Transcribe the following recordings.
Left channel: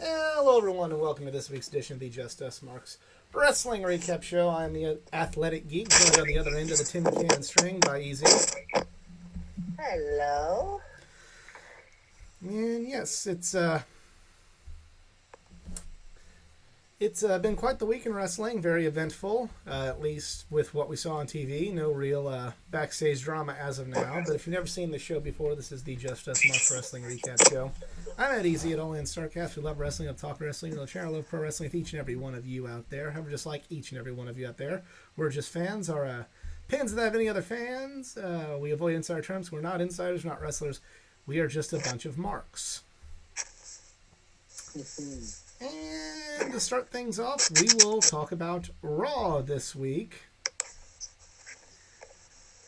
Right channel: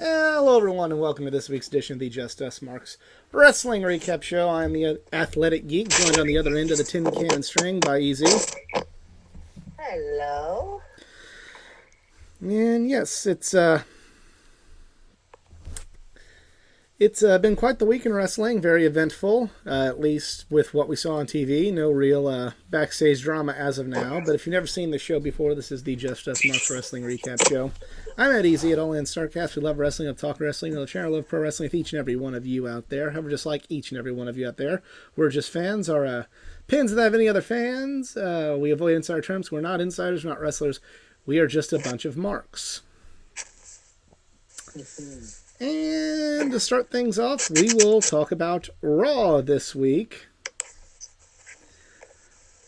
Hello, everyone, and welcome to this week's edition of the Just Us Marks Wrestling Recap Show. I'm the Athletic Geek, joined on the other end of the tin can string by Easy. Hello. And yes, it's been quite the week in wrestling, very eventful, at least with what we saw on TV. No real backstage drama as of now. But if you've never seen the show before, this is the Just Us Marks Wrestling Recap Show. I'm Ed Easy at All In Starcast. We love wrestling, we talk wrestling, we share our love pro wrestling with each and every one of you out there. However, just like each and every one of you out there, we're just fans. Our pins that have any other fans. We avoid insider terms. We're not insiders, we're not wrestlers. We are just a bunch of marks. And to start things off, we will talk about Raw this week.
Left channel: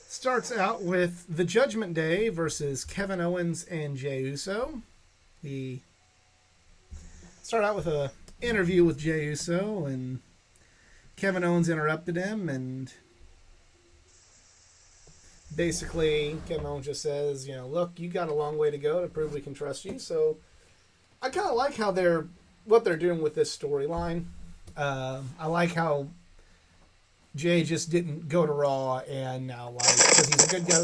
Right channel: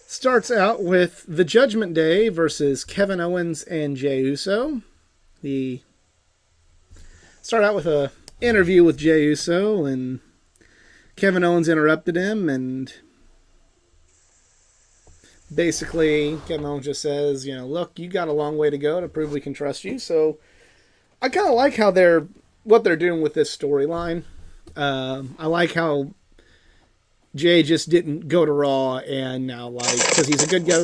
Starts out with the Judgment Day versus Kevin Owens and Jey Uso. He start out with a interview with Jey Uso, and Kevin Owens interrupted him, and basically Kevin Owens just says, look, you got a long way to go to prove we can trust you. So I kind of like how what they're doing with this storyline. I like how Jay just didn't go to Raw and now, because he's a good guy,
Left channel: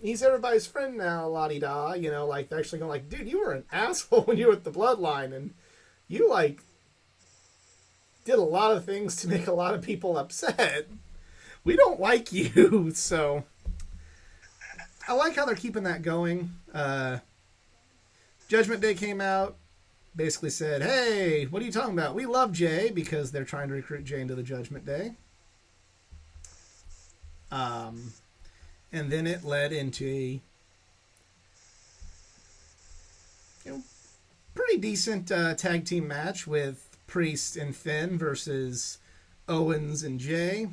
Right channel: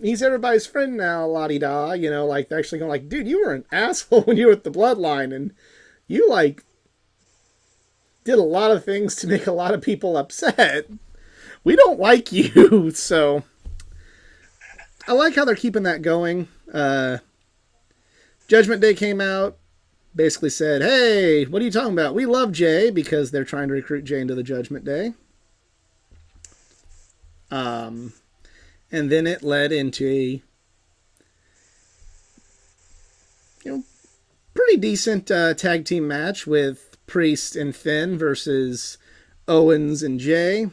he's everybody's friend now, la-di-da. They're actually going dude, you were an asshole when you were with the Bloodline, and you, did a lot of things to make a lot of people upset. We don't like you, so I like how they're keeping that going. Judgment Day came out, basically said, hey, what are you talking about? We love Jay, because they're trying to recruit Jay into the Judgment Day. And then it led into a pretty decent tag team match with Priest and Finn versus Owens and Jay.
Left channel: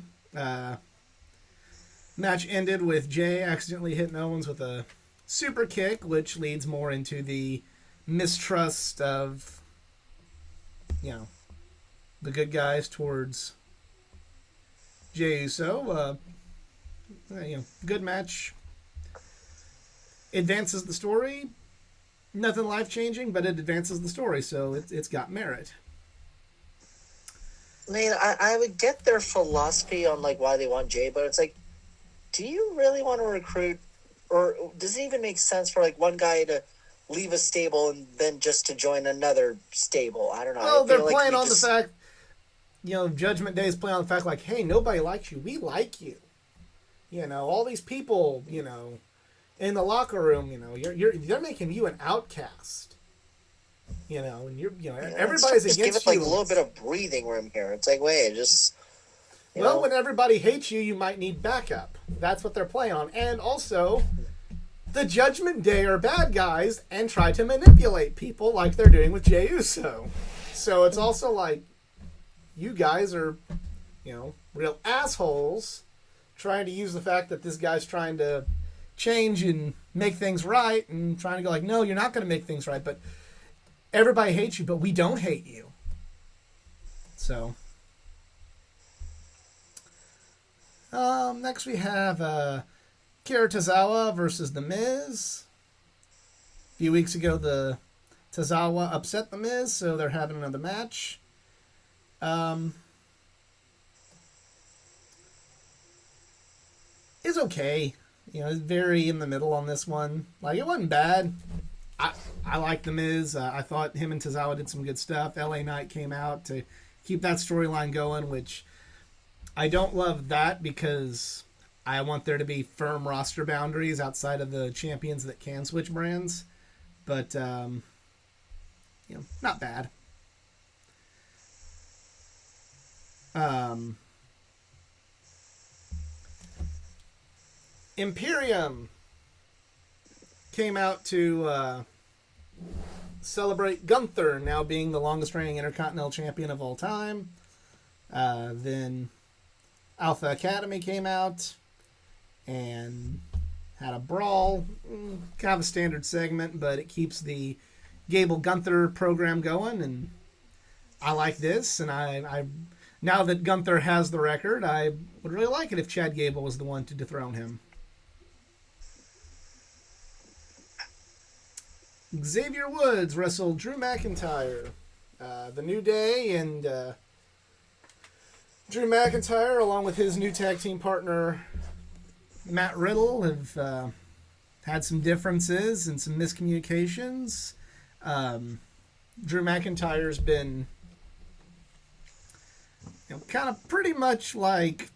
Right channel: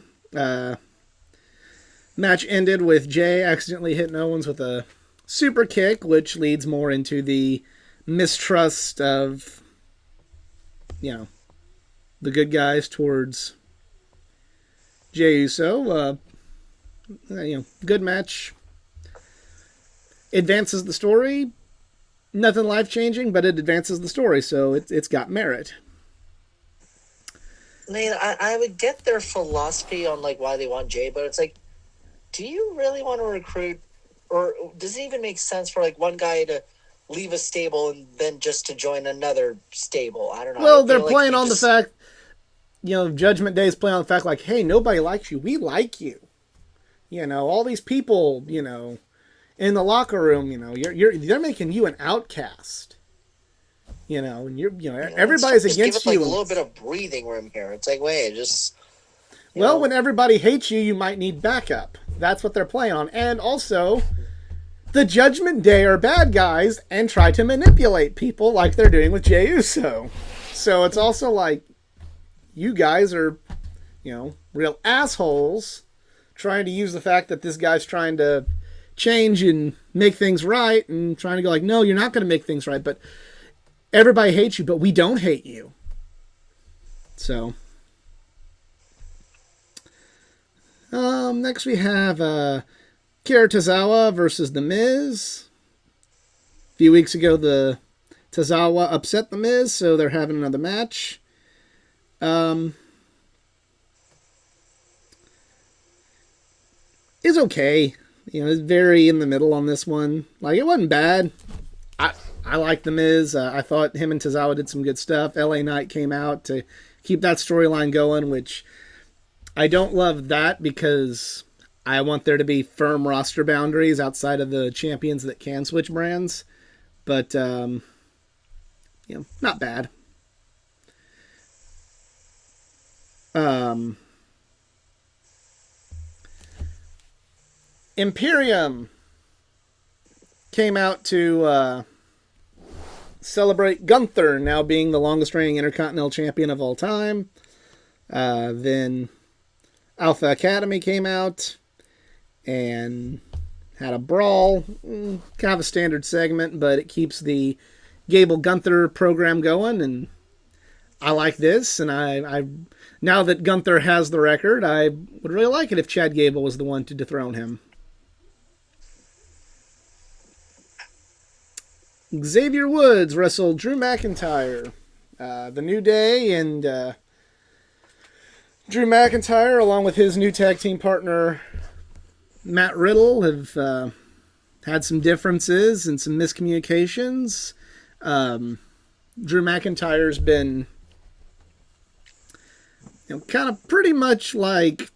Match ended with Jay accidentally hitting Owens with a super kick, which leads more into the mistrust of, the good guys towards Jey Uso. Good match. Advances the story. Nothing life-changing, but it advances the story, so it's got merit. I would get their philosophy on why they want Jay, but it's do you really want to recruit, or does it even make sense for one guy to leave a stable and then just to join another stable? I don't know. Well, they're playing on the fact, Judgment Day is playing on the fact hey, nobody likes you. We like you. All these people, in the locker room, they're making you an outcast. And everybody's against give it, you. A little bit of breathing room here. It's wait, just. Well, when everybody hates you, you might need backup. That's what they're playing on. And also, the Judgment Day are bad guys and try to manipulate people like they're doing with Jey Uso. So it's also you guys are, real assholes trying to use the fact that this guy's trying to change and make things right and trying to go no, you're not going to make things right, but everybody hates you, but we don't hate you. So, next we have Kira Tozawa versus The Miz. A few weeks ago, the Tozawa upset The Miz, so they're having another match. Is okay. It's very in the middle on this one. It wasn't bad. I like The Miz. I thought him and Tozawa did some good stuff. LA Knight came out to keep that storyline going, which I don't love that because I want there to be firm roster boundaries outside of the champions that can switch brands. But, not bad. Imperium came out to celebrate Gunther now being the longest reigning Intercontinental Champion of all time. Then Alpha Academy came out and had a brawl. Kind of a standard segment, but it keeps the Gable Gunther program going, and I like this, and I now that Gunther has the record, I would really like it if Chad Gable was the one to dethrone him. Xavier Woods wrestled Drew McIntyre. The New Day and Drew McIntyre, along with his new tag team partner Matt Riddle, have had some differences and some miscommunications. Drew McIntyre's been, kind of pretty much like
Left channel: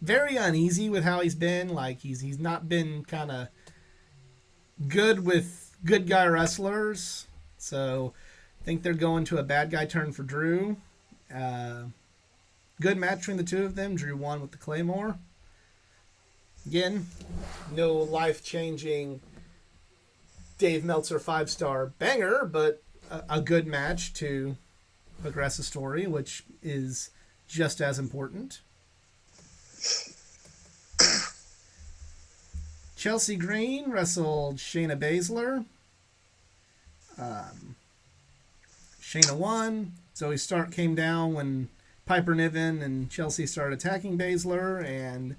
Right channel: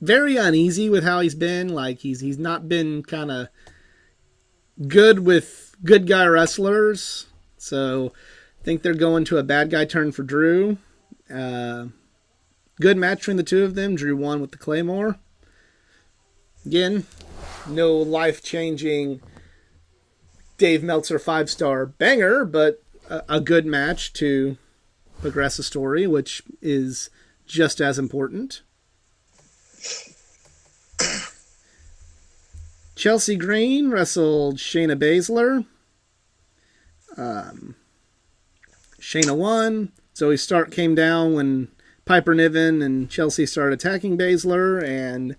very uneasy with how he's been. Like he's not been kind of good with good guy wrestlers. So I think they're going to a bad guy turn for Drew. Good match between the two of them. Drew won with the Claymore. Again, no life-changing Dave Meltzer 5-star banger, but a good match to progress the story, which is just as important. Chelsea Green wrestled Shayna Baszler. Shayna won. Zoe Stark came down when Piper Niven and Chelsea started attacking Baszler and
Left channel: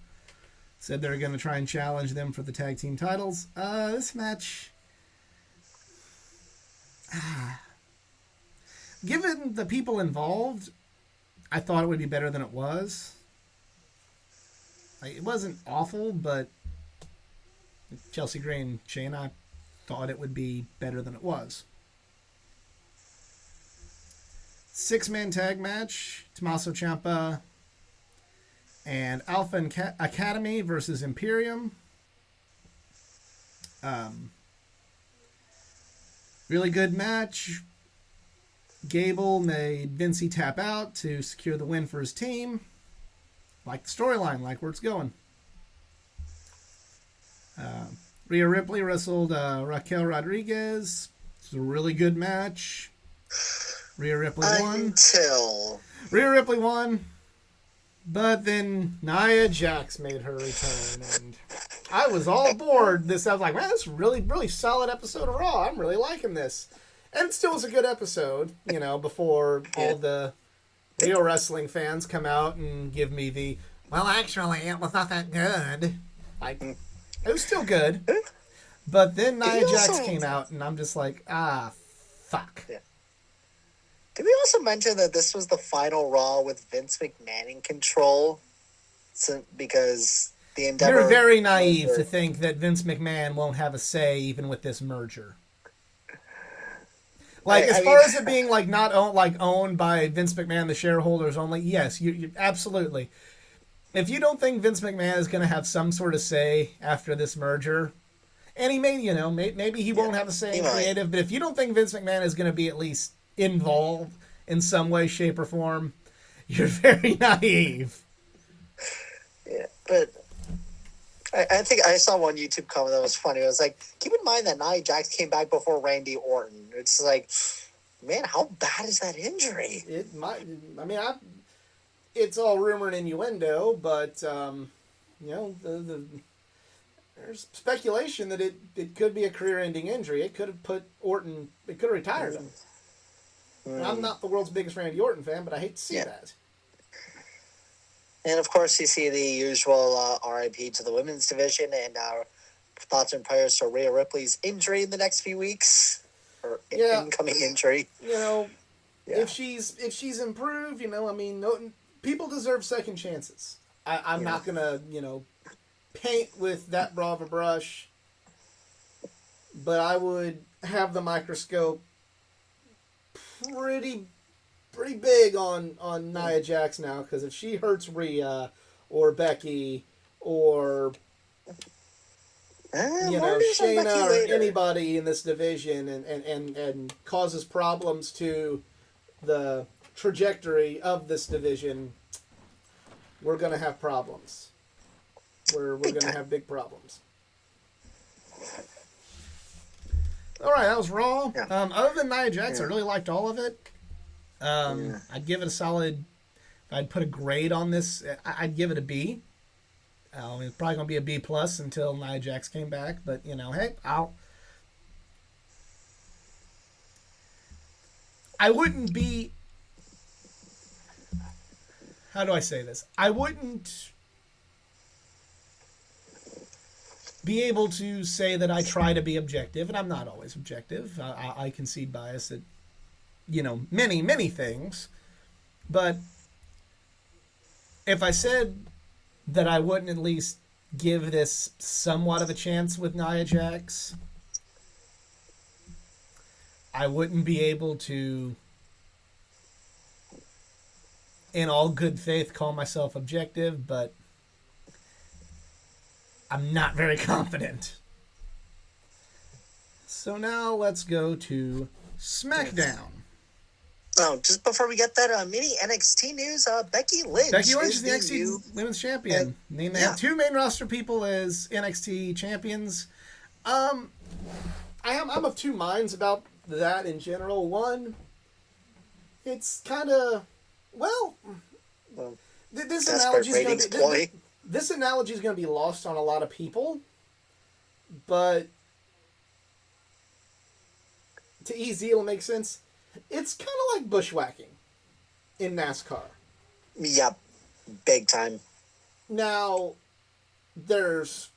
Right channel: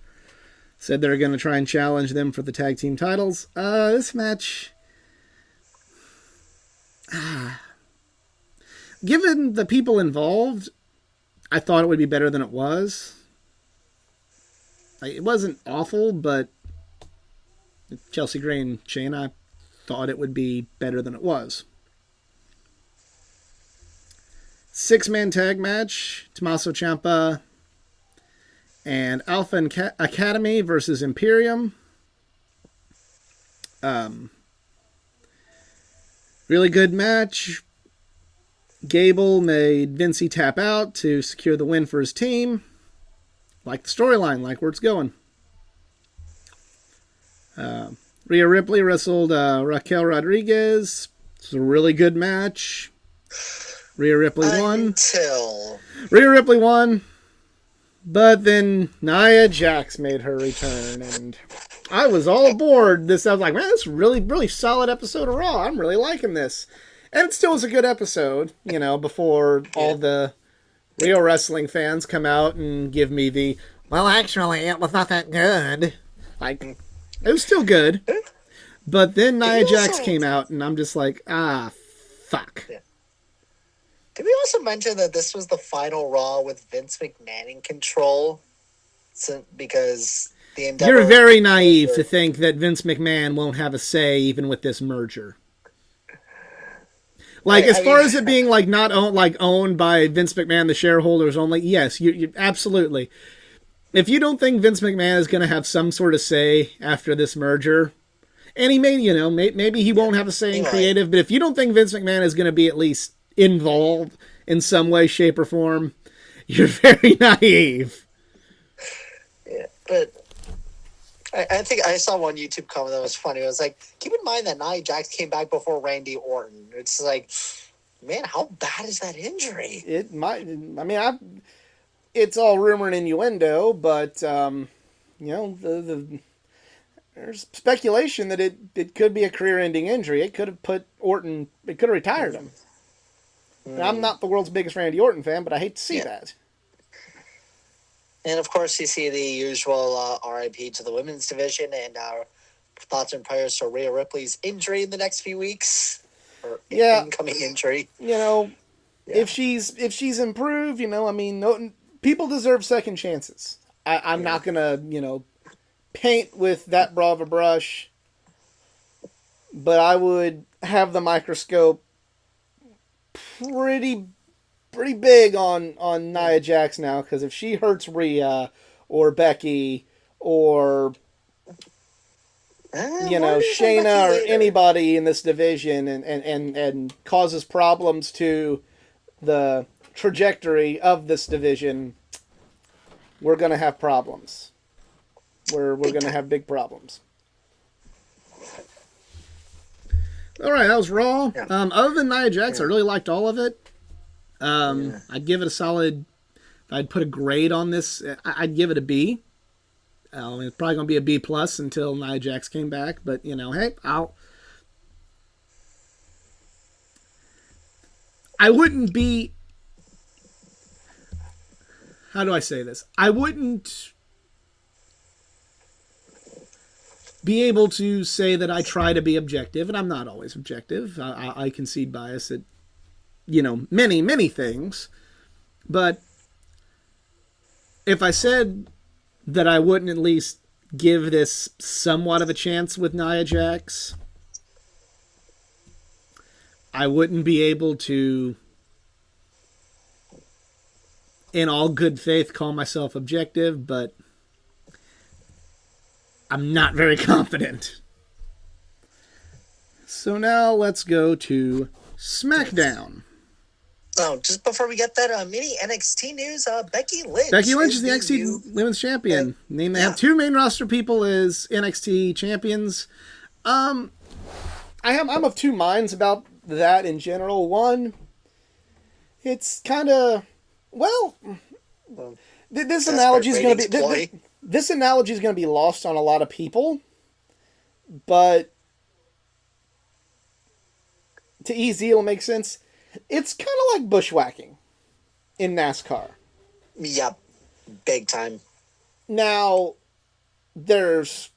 said they're going to try and challenge them for the tag team titles. This match, given the people involved, I thought it would be better than it was. It wasn't awful, but Chelsea Green, Shayna, thought it would be better than it was. 6-man tag match, Tommaso Ciampa and Alpha Academy versus Imperium. Really good match. Gable made Vincey tap out to secure the win for his team. Like the storyline, like where it's going. Rhea Ripley wrestled Raquel Rodriguez. It was a really good match. Rhea Ripley won. Rhea Ripley won. But then Nia Jax made her return, and I was all aboard this. I was like, man, this is really, really solid episode of Raw. I'm really liking this. And it still was a good episode, before all the real wrestling fans come out and give me the, well, actually, it was not that good. Like, it was still good. But then Nia Jax came out, and I'm just like, fuck. Yeah. Did we also mention that this was the final Raw with Vince McMahon in control? Because the Endeavor... You're very naive to think that Vince McMahon won't have a say even with this merger. Like, as far as it being like not owned by Vince McMahon, the shareholders only, yes, you absolutely. If you don't think Vince McMahon is going to have some sort of say after this merger, and he may, maybe he won't have a say in creative, but if you don't think Vince McMahon is going to be at least involved in some way, shape, or form, you're very naive. Yeah, but I think I saw one YouTube comment that was funny. It was like, keep in mind that Nia Jax came back before Randy Orton. It's like, man, how bad is that injury? It might. I mean, it's all rumor and innuendo, but there's speculation that it could be a career-ending injury. It could have put Orton. It could have retired him. I'm not the world's biggest Randy Orton fan, but I hate to see that. And, of course, you see the usual RIP to the women's division and our thoughts and prayers to Rhea Ripley's injury in the next few weeks. Or incoming injury. If she's improved, people deserve second chances. I'm not going to, paint with that broad of a brush, but I would have the microscope pretty big on Nia Jax now, because if she hurts Rhea or Becky or Shayna or anybody in this division and causes problems to the trajectory of this division, we're going to have problems. We're going to have big problems. All right, that was Raw. Yeah. Other than Nia Jax, I really liked all of it. I'd give it a solid. I'd put a grade on this. I'd give it a B. It's probably going to be a B plus until Nia Jax came back. But hey, I wouldn't be. How do I say this? I wouldn't be able to say that I try to be objective, and I'm not always objective. I concede bias at, many, many things. But if I said that I wouldn't at least give this somewhat of a chance with Nia Jax, I wouldn't be able to, in all good faith, call myself objective, but I'm not very confident. So now let's go to SmackDown. Oh, just before we get that mini NXT news, Becky Lynch. Becky Lynch is the NXT Women's Champion. They have two main roster people as NXT champions. I'm of two minds about that in general. One, it's kind of this analogy is going to be this analogy is going to be lost on a lot of people, but to EZ it'll make sense. It's kind of like bushwhacking in NASCAR. Yep, big time. Now, there's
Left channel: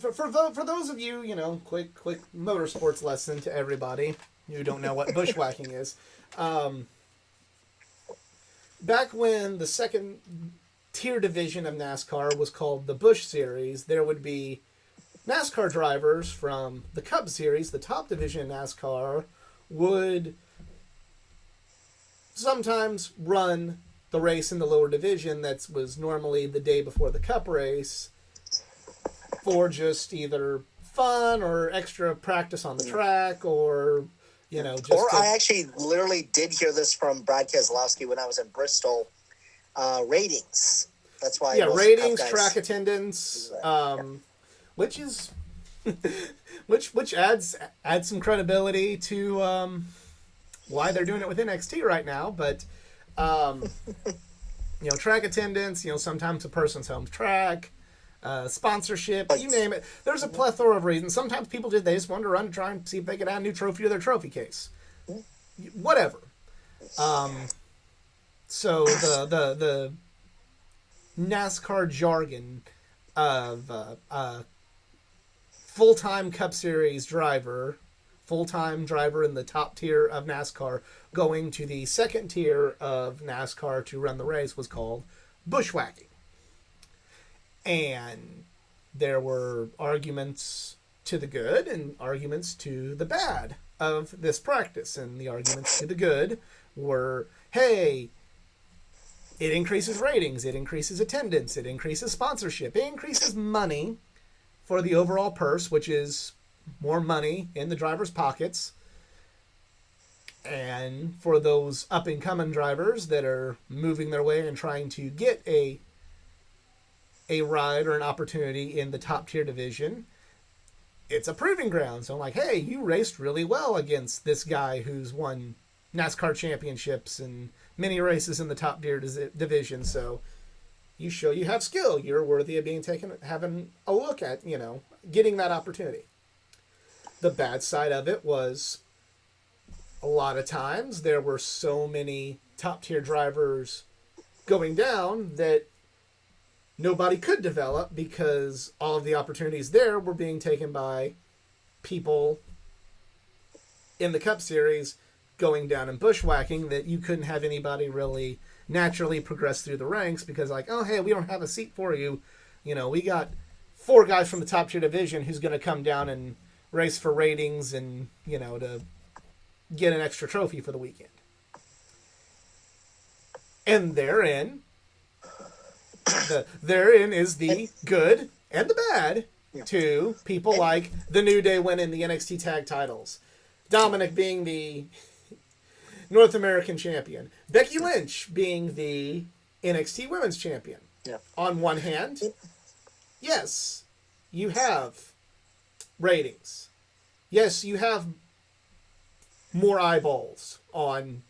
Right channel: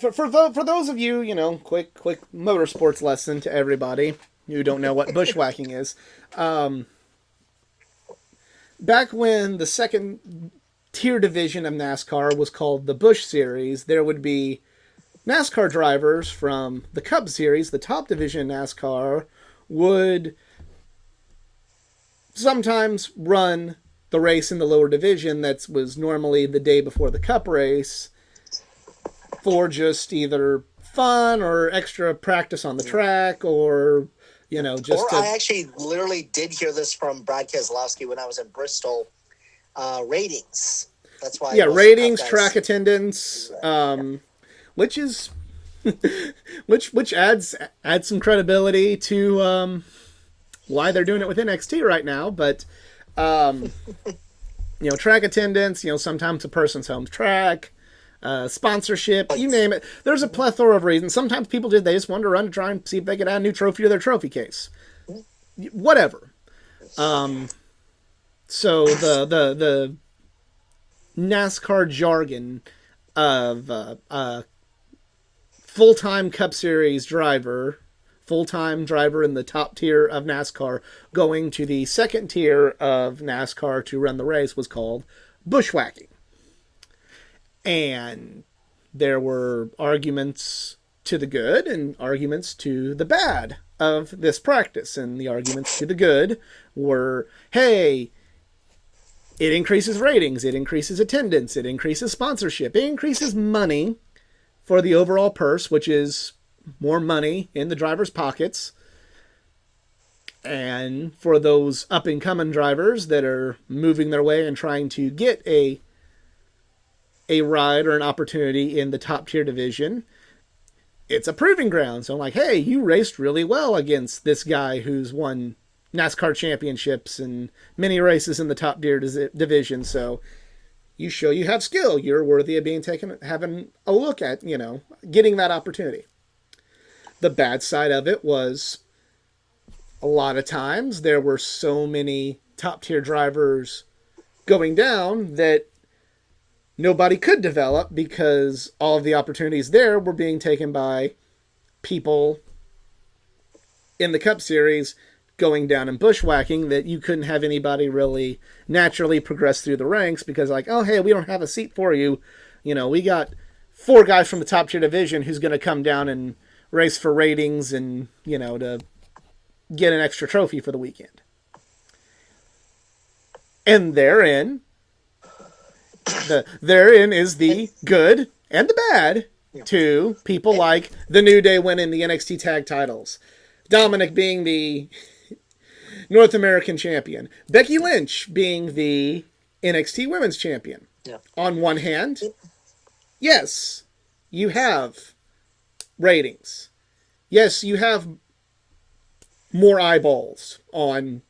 for those of you, quick motorsports lesson to everybody who don't know what bushwhacking is. Back when the second tier division of NASCAR was called the Busch Series, there would be NASCAR drivers from the Cup Series, the top division of NASCAR, would sometimes run the race in the lower division that was normally the day before the Cup race for just either fun or extra practice on the track or, I actually literally did hear this from Brad Keselowski when I was in Bristol. Ratings. That's why. Yeah, ratings, track attendance, which is which adds some credibility to why they're doing it with NXT right now. But track attendance, sometimes a person's home track, sponsorship, you name it. There's a plethora of reasons. Sometimes people they just wanted to run to try and see if they could add a new trophy to their trophy case. Whatever. So the NASCAR jargon of full-time Cup Series driver, full-time driver in the top tier of NASCAR, going to the second tier of NASCAR to run the race was called bushwhacking. And there were arguments to the good and arguments to the bad of this practice. And the arguments to the good were, hey, it increases ratings, it increases attendance, it increases sponsorship, it increases money for the overall purse, which is more money in the driver's pockets. And for those up-and-coming drivers that are moving their way and trying to get a ride or an opportunity in the top-tier division, it's a proving ground. So I'm like, hey, you raced really well against this guy who's won NASCAR championships and many races in the top-tier division, so you show you have skill. You're worthy of being taken, having a look at, getting that opportunity. The bad side of it was a lot of times there were so many top-tier drivers going down that nobody could develop because all of the opportunities there were being taken by people in the Cup Series going down and bushwhacking, that you couldn't have anybody really naturally progress through the ranks because oh, hey, we don't have a seat for you. We got 4 guys from the top tier division who's going to come down and race for ratings and, to get an extra trophy for the weekend. And therein is the good and the bad to people like the New Day winning the NXT tag titles, Dominic being the North American champion, Becky Lynch being the NXT Women's Champion. Yeah. On one hand, yes, you have ratings. Yes, you have more eyeballs on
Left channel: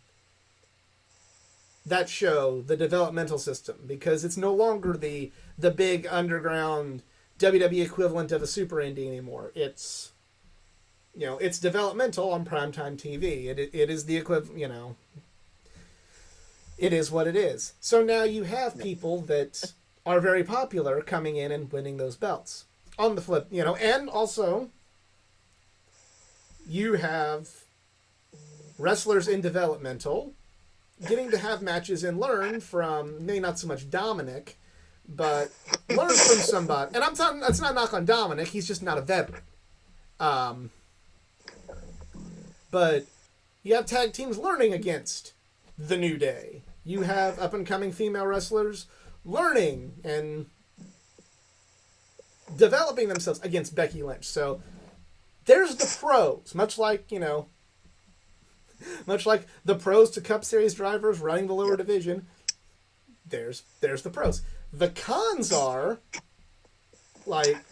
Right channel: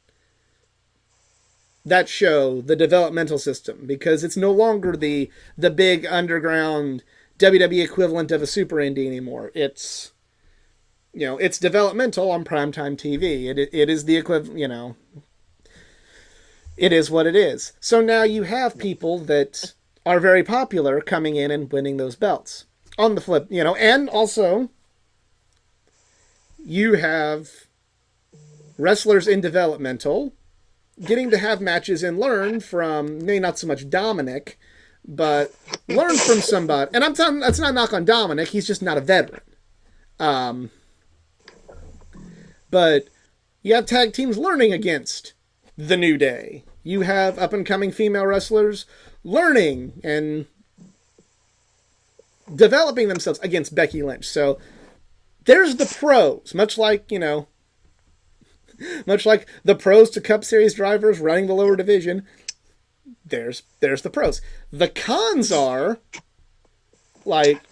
that show, the developmental system, because it's no longer the big underground WWE equivalent of a super indie anymore. It's it's developmental on primetime TV. It is the equivalent, it is what it is. So now you have people that are very popular coming in and winning those belts. on the flip, and also you have wrestlers in developmental getting to have matches and learn from, maybe not so much Dominic, but learn from somebody. And I'm telling, that's not a knock on Dominic. He's just not a veteran. But you have tag teams learning against the New Day. You have up and coming female wrestlers learning and developing themselves against Becky Lynch. So there's the pros, much like the pros to Cup Series drivers running the lower division. There's the pros. The cons are like,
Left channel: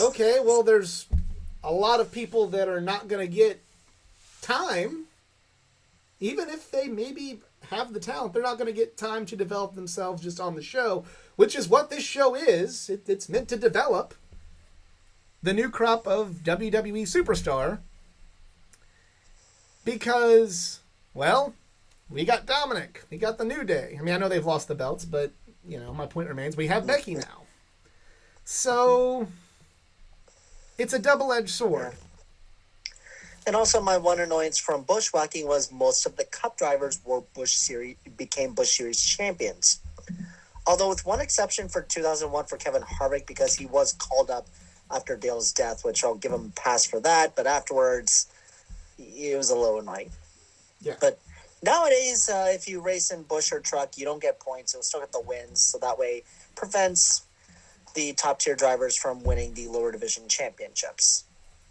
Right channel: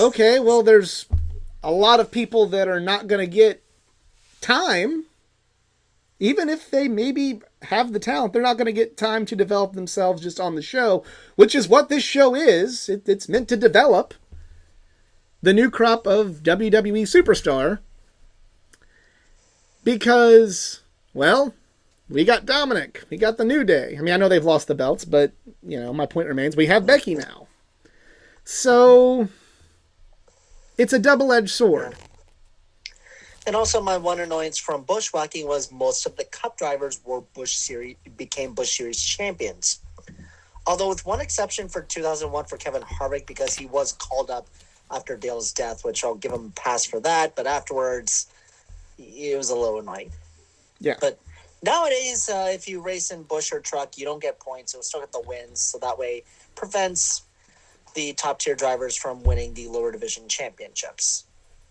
okay, well, there's a lot of people that are not going to get time, even if they maybe have the talent. They're not going to get time to develop themselves just on the show, which is what this show is. It's meant to develop the new crop of WWE superstar. Because, well, we got Dominic. We got the New Day. I mean, I know they've lost the belts, but, my point remains. We have Becky now. So, it's a double-edged sword. And also, my one annoyance from bushwhacking was most of the Cup drivers became Busch Series champions. Although with one exception for 2001 for Kevin Harvick, because he was called up after Dale's death, which I'll give him a pass for that. But afterwards, it was a little annoying. Yeah. But nowadays, if you race in Busch or truck, you don't get points. You'll still get the wins. So that way prevents the top-tier drivers from winning the lower division championships.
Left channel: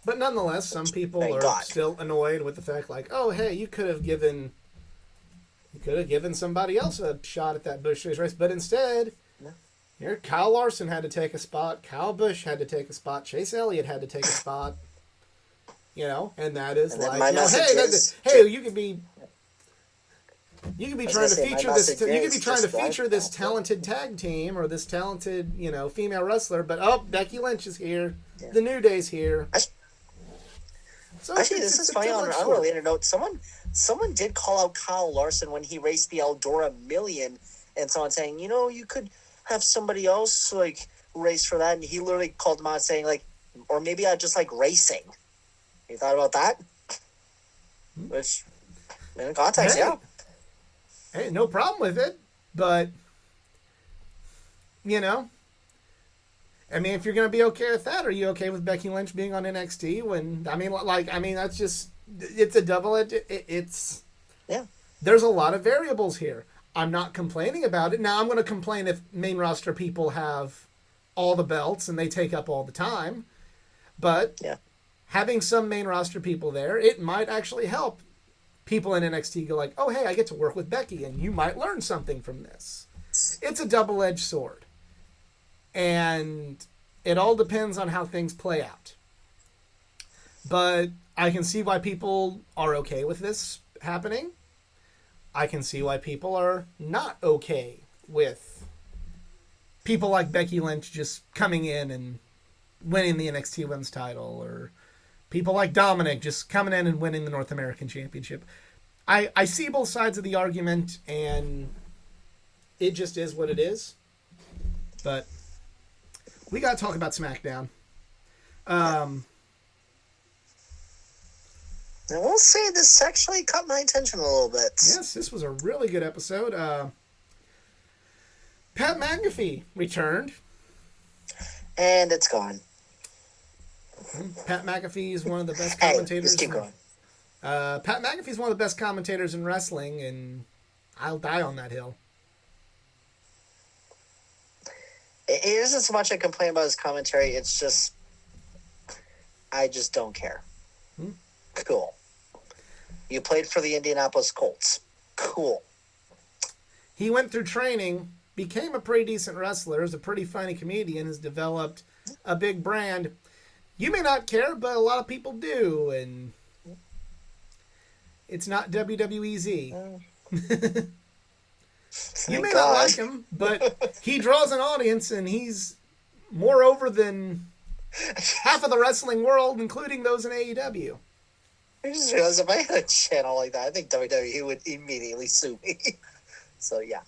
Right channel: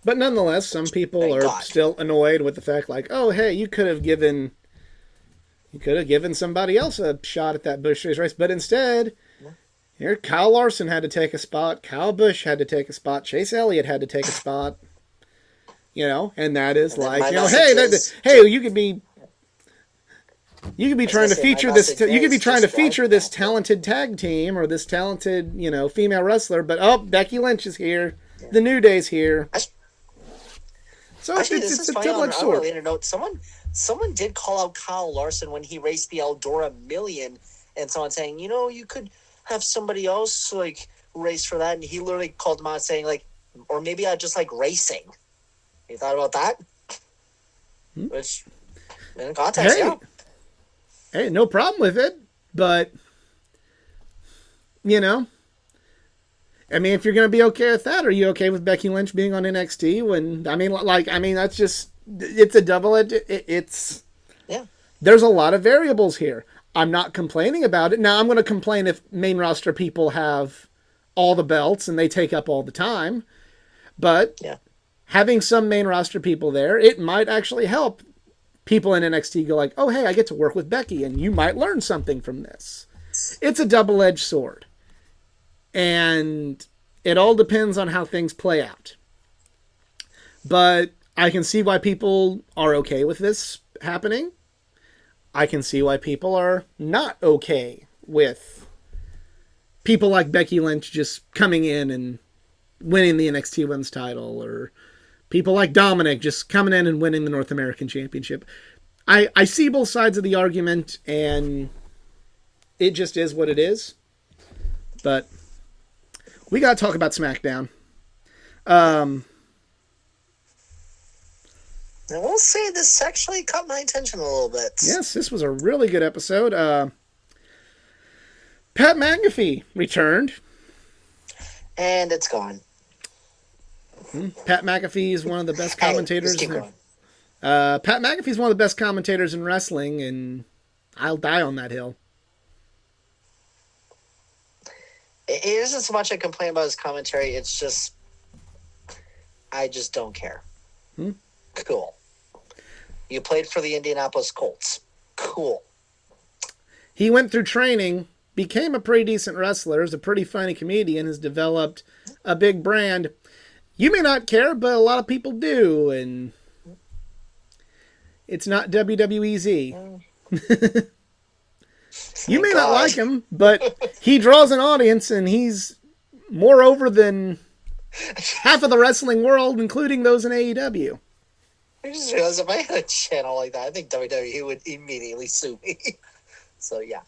But nonetheless, some people are still annoyed with the fact, like, oh, hey, you could have given somebody else a shot at that Busch Series race, but instead, here Kyle Larson had to take a spot, Kyle Busch had to take a spot, Chase Elliott had to take a spot, and that is and like, hey, you could be trying to feature this. You could be trying to feature this talented tag team or this talented, female wrestler, but Becky Lynch is here, the New Day's here. So actually, this is funny. On an unrelated note, someone did call out Kyle Larson when he raced the Eldora Million, and someone saying, you could have somebody else like race for that, and he literally called him out saying like, or maybe I just like racing. You thought about that? Which, in context, yeah. Hey, no problem with it, but I mean, if you're going to be okay with that, are you okay with Becky Lynch being on NXT? That's just, it's a double-edged, yeah. There's a lot of variables here. I'm not complaining about it. Now, I'm going to complain if main roster people have all the belts and they take up all the time. But having some main roster people there, it might actually help people in NXT go like, oh, hey, I get to work with Becky, and you might learn something from this. It's a double-edged sword. And it all depends on how things play out. But I can see why people are okay with this happening. I can see why people are not okay with people like Becky Lynch just coming in and winning the NXT Women's title, or people like Dominic just coming in and winning the North American Championship. I see both sides of the argument, and it just is what it is. But we got to talk about SmackDown. And we'll say this actually caught my attention a little bit. Yes, this was a really good episode. Pat McAfee returned. And it's gone. Pat McAfee is one of the best commentators. Hey, keep going. Pat McAfee is one of the best commentators in wrestling, and I'll die on that hill. It isn't so much a complaint about his commentary. It's just, I just don't care. Cool. You played for the Indianapolis Colts. Cool. He went through training, became a pretty decent wrestler, is a pretty funny comedian, has developed a big brand. You may not care, but a lot of people do, and it's not WWEZ. You may not like him, but he draws an audience, and he's more over than half of the wrestling world, including those in AEW. I just realized if I had a channel like that, I think WWE would immediately sue me. So, yeah.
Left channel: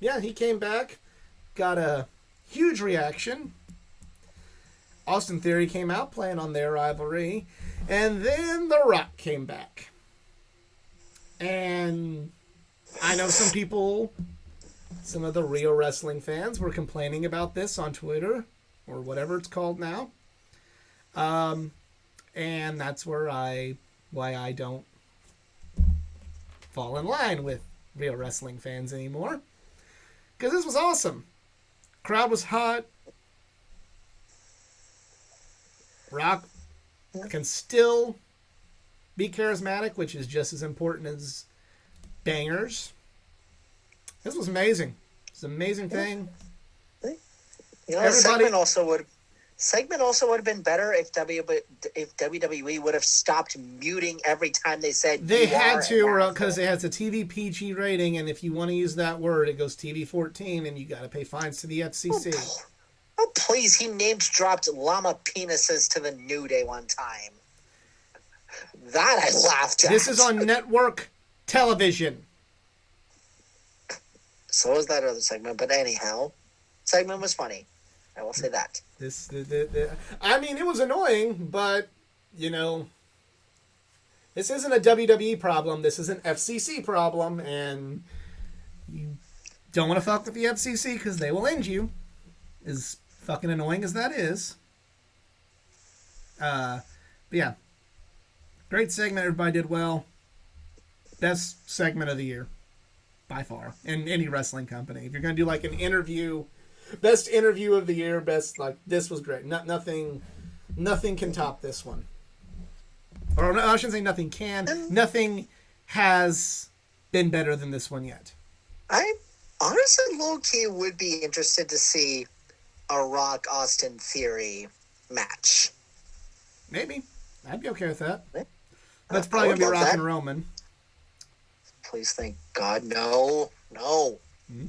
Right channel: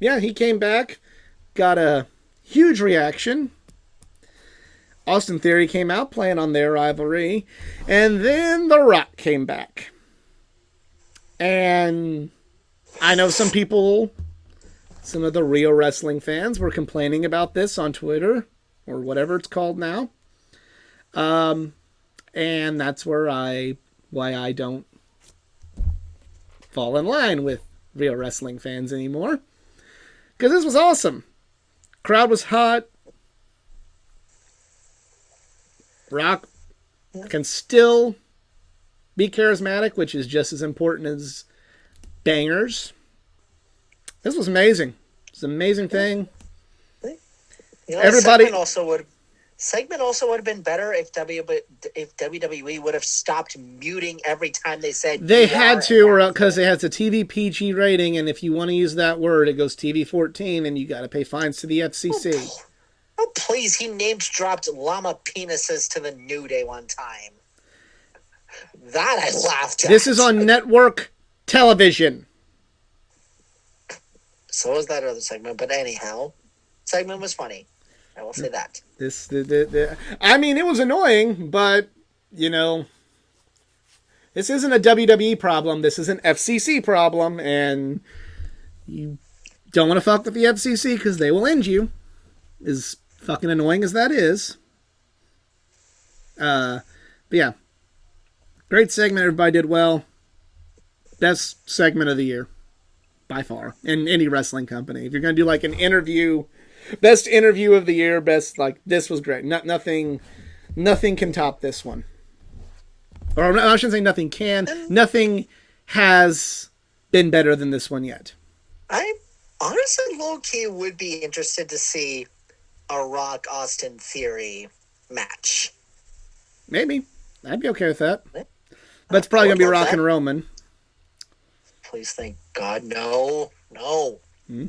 Yeah, he came back, got a Huge reaction. Austin Theory came out playing on their rivalry. And then The Rock came back. And I know some people, some of the Rio Wrestling fans were complaining about this on Twitter, or whatever it's called now. And that's why I don't fall in line with Rio Wrestling fans anymore. Because this was awesome. Crowd was hot. Rock can still be charismatic, which is just as important as bangers. This was amazing. It's an amazing thing. You know, Everybody segment also would have been better if WWE would have stopped muting every time they said they had to, because it has a TV PG rating, and if you want to use that word, it goes TV 14, and you got to pay fines to the FCC. Oh, please! He dropped llama penises to the New Day one time. That I laughed at. This is on network television. So was that other segment, but anyhow, segment was funny. I will say that. I mean, it was annoying, but, you know, this isn't a WWE problem. This is an FCC problem, and you don't want to fuck with the FCC because they will end you. As fucking annoying as that is. But yeah. Great segment. Everybody did well. Best segment of the year. By far. In any wrestling company. If you're going to do like an interview... Best interview of the year, this was great. Nothing can top this one. Or I shouldn't say nothing can. Nothing has been better than this one yet. I honestly, low-key, would be interested to see a Rock Austin Theory match. Maybe. I'd be okay with that. But it's probably going to be Rock and Roman. Please, thank God, no. Hmm?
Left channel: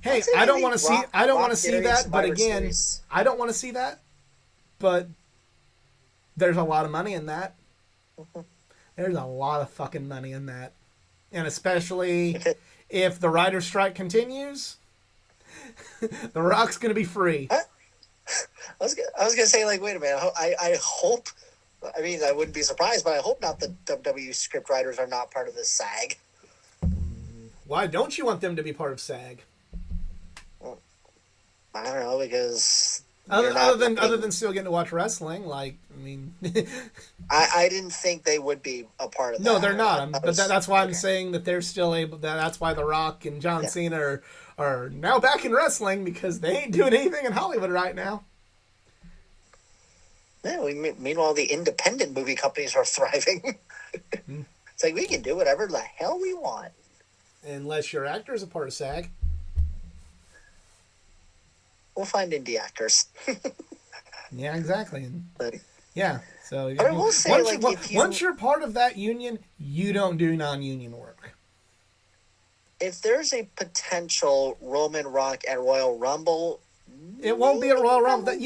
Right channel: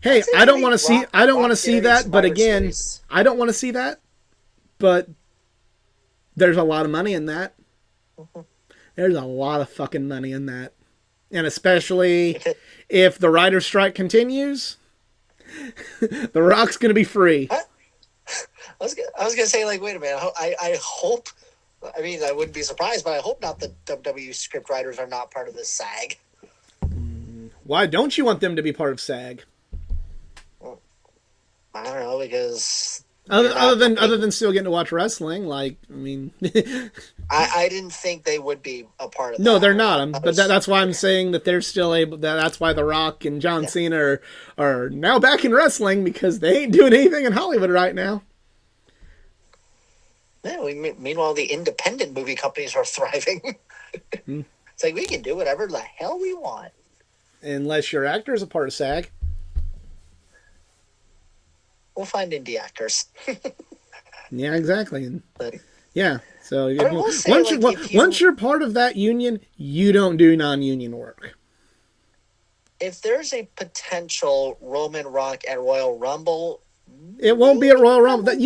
Hey, I don't want to see that, but again, I don't want to see that, but there's a lot of money in that. Mm-hmm. There's a lot of fucking money in that. And especially if the writer's strike continues, The Rock's going to be free. I was going to say, like, wait a minute. I hope, I mean, I wouldn't be surprised, but I hope not the WWE script writers are not part of this SAG. Why don't you want them to be part of SAG? I don't know, because other than still getting to watch wrestling, like, I mean, I didn't think they would be a part of that. No, they're not. But that's why I'm saying that they're still able. That's why The Rock and John Cena are now back in wrestling, because they ain't doing anything in Hollywood right now. Yeah, meanwhile, the independent movie companies are thriving. It's like, we can do whatever the hell we want, unless your actor is a part of SAG. We'll find indie actors. Yeah, exactly. But, yeah, so once you're part of that union, you don't do non-union work. If there's a potential Roman Rock at Royal Rumble, it won't be at Royal Rumble. If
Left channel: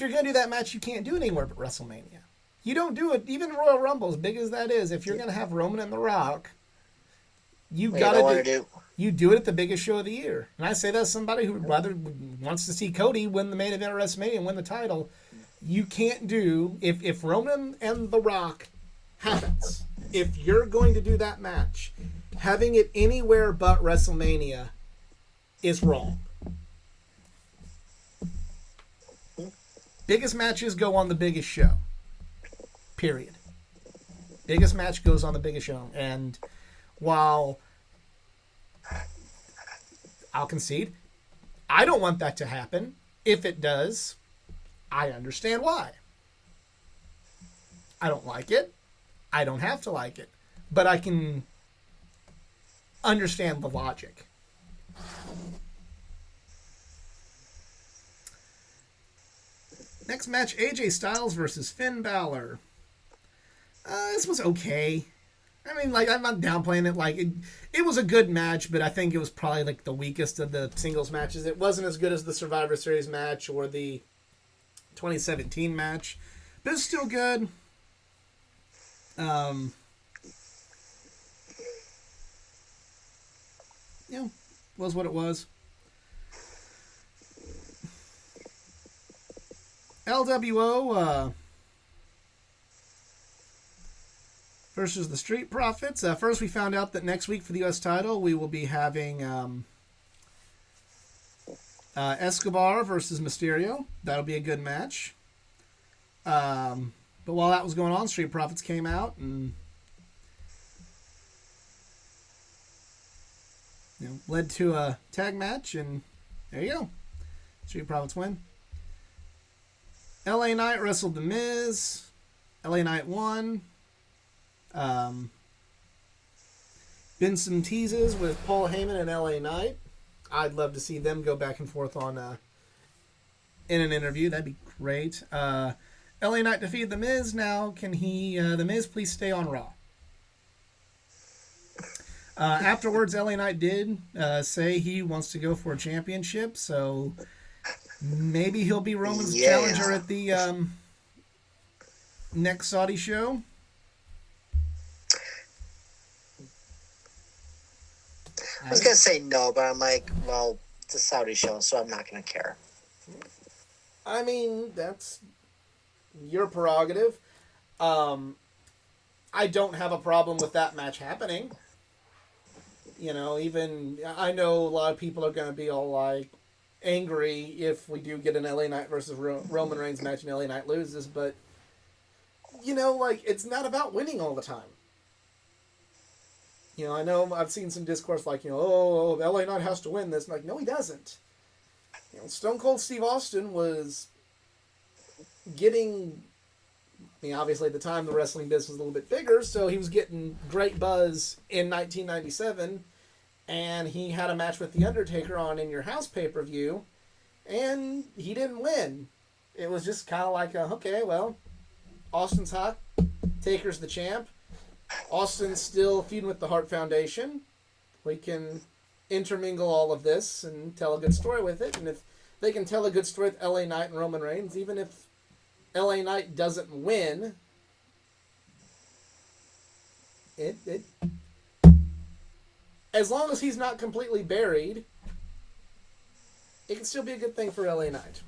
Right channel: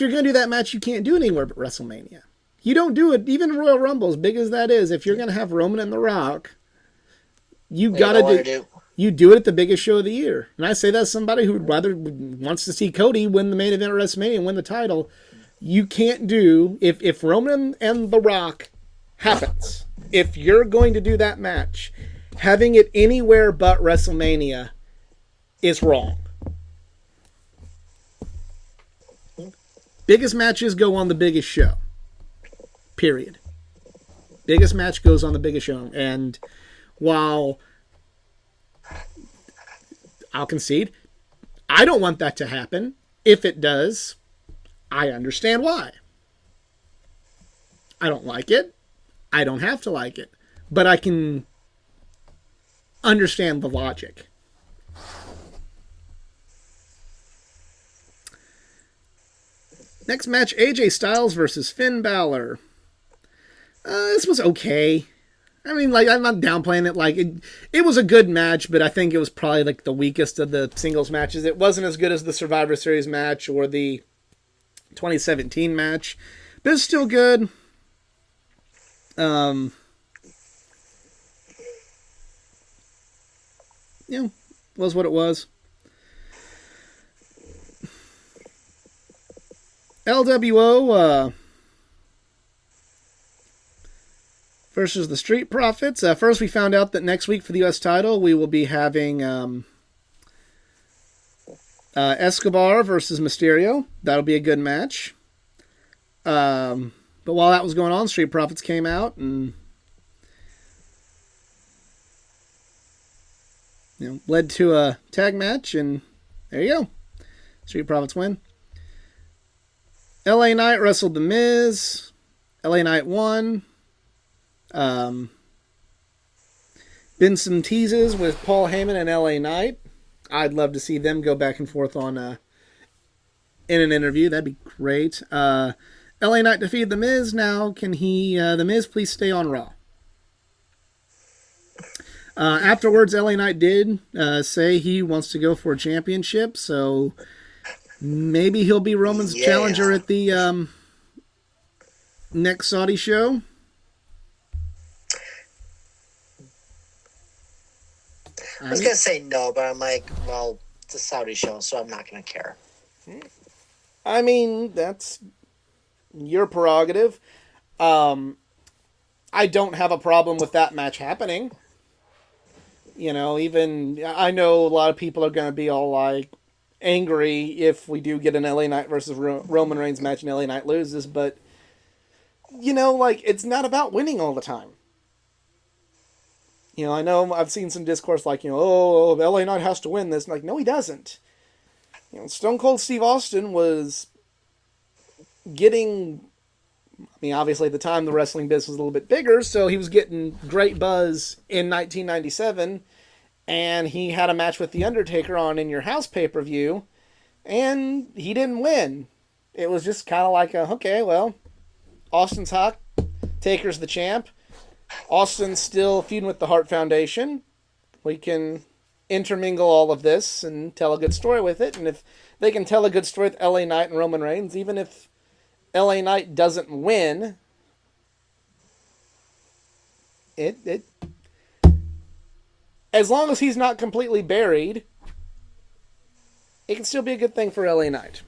you're going to do that match, you can't do it anywhere but WrestleMania. You don't do it, even Royal Rumble, as big as that is. If you're going to have Roman and The Rock, you do it at the biggest show of the year. And I say that as somebody who wants to see Cody win the main event at WrestleMania and win the title. You can't do, if Roman and The Rock happens, if you're going to do that match, having it anywhere but WrestleMania is wrong. Biggest matches go on the biggest show. Period. Biggest match goes on the biggest show. And while I'll concede, I don't want that to happen. If it does, I understand why. I don't like it. I don't have to like it. But I can understand the logic. Next match, AJ Styles versus Finn Balor. This was okay. I mean, like, I'm not downplaying it. Like, it was a good match, but I think it was probably, like, the weakest of the singles matches. It wasn't as good as the Survivor Series match or the 2017 match, but it's still good. Was what it was. LWO versus the Street Profits. First, we found out that next week for the U.S. title, we will be having Escobar versus Mysterio. That'll be a good match. But while that was going on, Street Profits came out and led to a tag match, and there you go. Street Profits win. LA Knight wrestled The Miz. LA Knight won. Been some teases with Paul Heyman and LA Knight. I'd love to see them go back and forth on in an interview. That'd be great. LA Knight defeated The Miz. Now, can The Miz please stay on Raw? Afterwards, LA Knight did say he wants to go for a championship, so maybe he'll be Roman's challenger at the next Saudi show. I was going to say no, but I'm like, well, it's a Saudi show, so I'm not going to care. I mean, that's your prerogative. I don't have a problem with that match happening. Even I know a lot of people are going to be all like angry if we do get an LA Knight versus Roman Reigns match and LA Knight loses, but it's not about winning all the time. I know I've seen some discourse like, LA Knight has to win this. I'm like, no, he doesn't. Stone Cold Steve Austin was getting, obviously at the time the wrestling business was a little bit bigger, so he was getting great buzz in 1997, and he had a match with The Undertaker on In Your House pay-per-view, and he didn't win. It was just kind of like, okay, well, Austin's hot, Taker's the champ, Austin's still feuding with the Hart Foundation. We can intermingle all of this and tell a good story with it. And if they can tell a good story with LA Knight and Roman Reigns, even if LA Knight doesn't win, it as long as he's not completely buried, it can still be a good thing for LA Knight.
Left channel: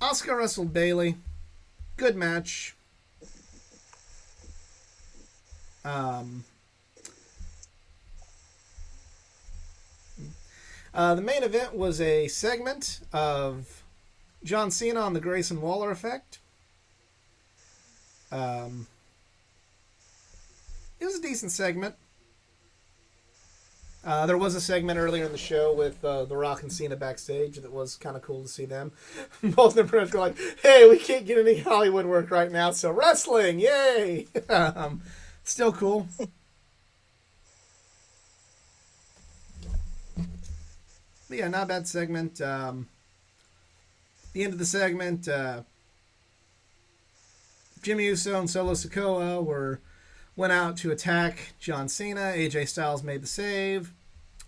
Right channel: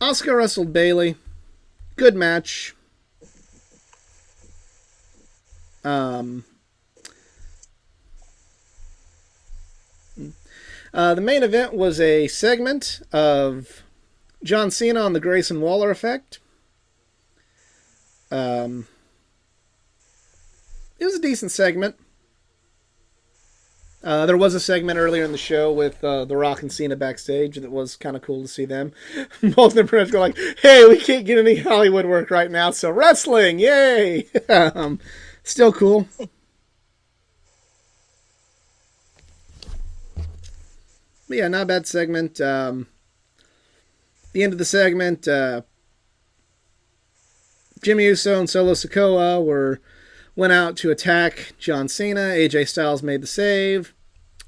Asuka wrestled Bayley. Good match. The main event was a segment of John Cena on the Grayson Waller effect. It was a decent segment. There was a segment earlier in the show with The Rock and Cena backstage that was kind of cool to see them. Both of them go like, hey, we can't get any Hollywood work right now, so wrestling, yay! Still cool. But yeah, not a bad segment. The end of the segment, Jimmy Uso and Solo Sikoa went out to attack John Cena. AJ Styles made the save.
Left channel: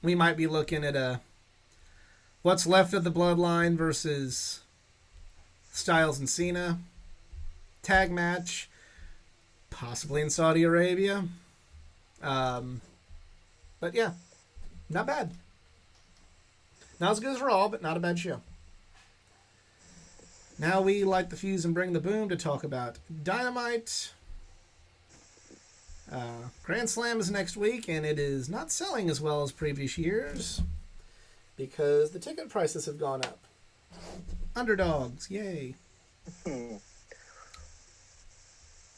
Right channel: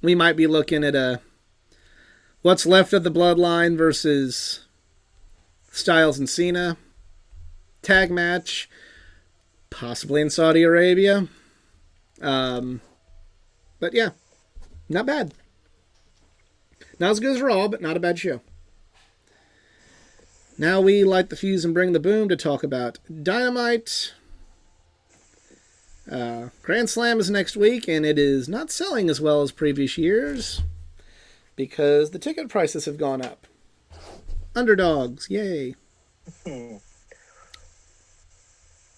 We might be looking at what's left of the Bloodline versus Styles and Cena tag match, possibly in Saudi Arabia. But yeah, not bad. Not as good as Raw, but not a bad show. Now we light the fuse and bring the boom to talk about Dynamite. Grand Slam is next week, and it is not selling as well as previous years because the ticket prices have gone up. Underdogs, yay. And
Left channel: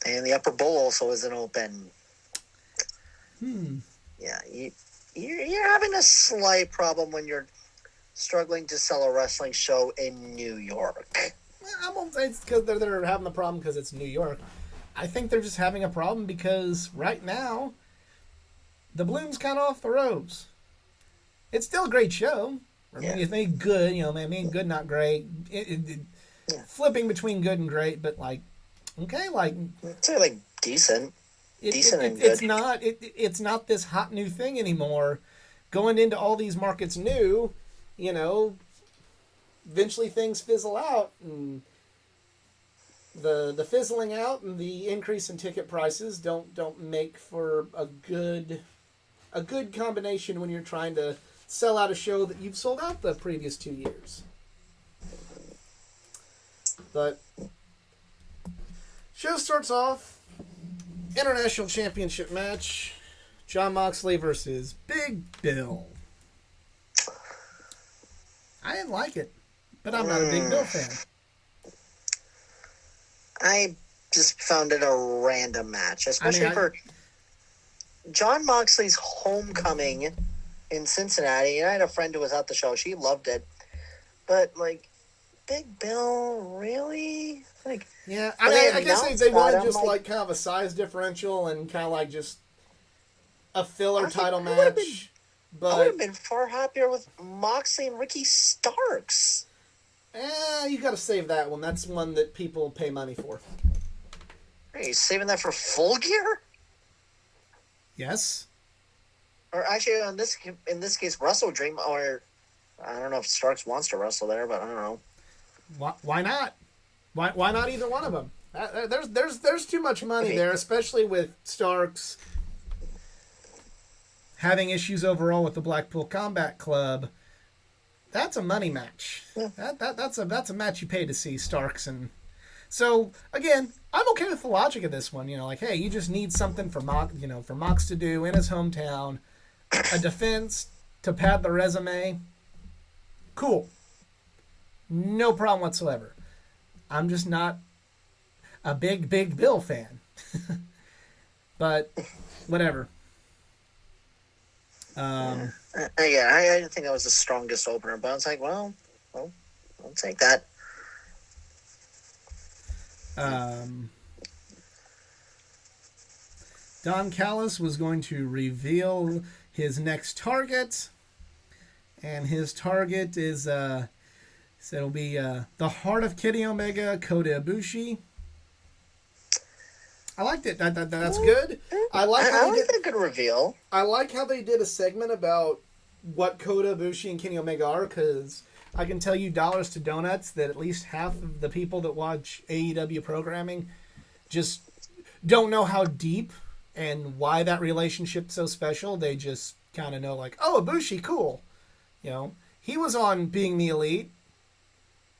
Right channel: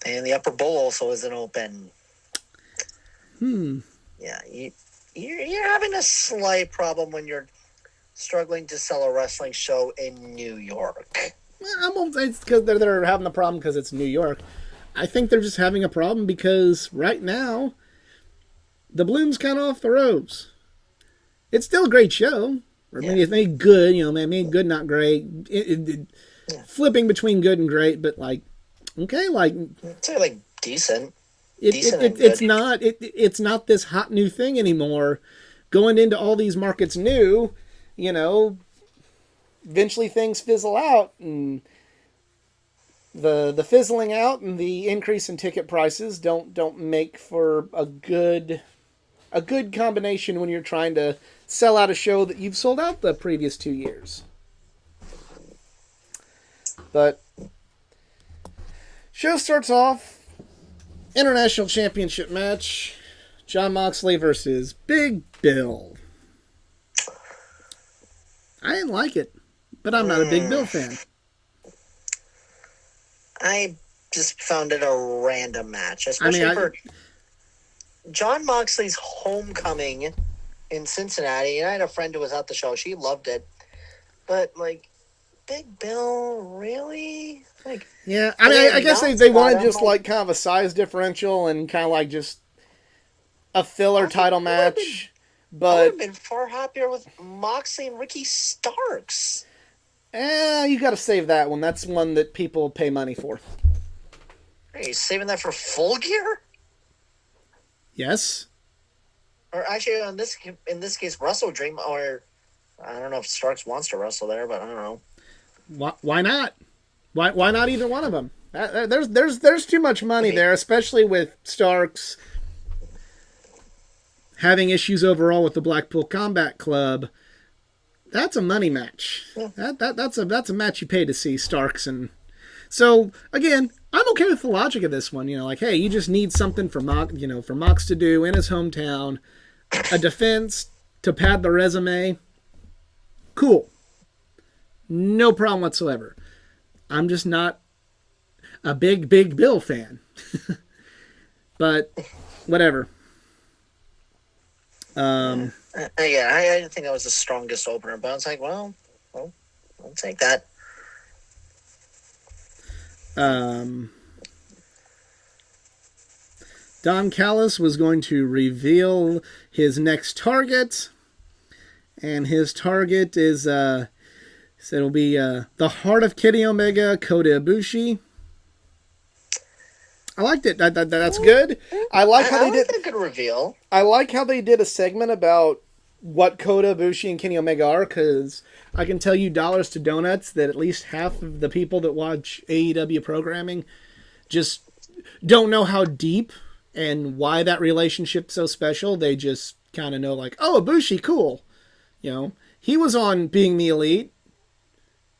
the Upper Bowl also isn't open. Yeah, you're having a slight problem when you're struggling to sell a wrestling show in New York. I won't say it's because they're having the problem because it's New York. I think they're just having a problem because right now, the bloom's kind of off the ropes. It's still a great show. I mean, it's made good, good, not great. Flipping between good and great, but okay, It's decent. It's not this hot new thing anymore. Going into all these markets new, eventually things fizzle out, and the fizzling out and the increase in ticket prices don't make for a good combination when you're trying to sell out a show that you've sold out the previous 2 years. But show starts off, International Championship match, Jon Moxley versus Big Bill. I didn't like it, but I'm not a Big Bill fan. I just found it a random match, especially for Jon Moxley's homecoming in Cincinnati. And I had a friend who was at the show; she loved it. But like, Big Bill, really? Like, yeah, I mean, I guess they wanted just like kind of a size differential and kind of like just a filler title match. But I would have been far happier with Moxley and Ricky Starks. You got to save that one. That's one that people pay money for. Are you saving that for Full Gear? Yes. Or actually, in this case, Wrestle Dream, or I don't know if Starks wants to wrestle there, but I don't know. Why not? Why not either one of them? There's too much money there, especially with Starks having issues overall with the Blackpool Combat Club. That's a money match. Yeah. That's a match you pay to see, Starks. And so again, I'm okay with the logic of this one. You know, like, hey, you just need something for Mox to do in his hometown, a defense to pad the resume. Cool. No problem whatsoever. I'm just not a big Bill fan. But whatever. Yeah, I didn't think that was the strongest opener, but I was like, well, I'll take that. Don Callis was going to reveal his next target, and his target is so it'll be the Heart of Kenny Omega, Kota Ibushi. I liked it. That's good. I like how they did a good reveal. I like how they did a segment about what Kota Ibushi and Kenny Omega are, because I can tell you dollars to donuts that at least half of the people that watch AEW programming just don't know how deep and why that relationship's so special. They just kind of know, like, oh, Ibushi, cool. You know, he was on Being the Elite,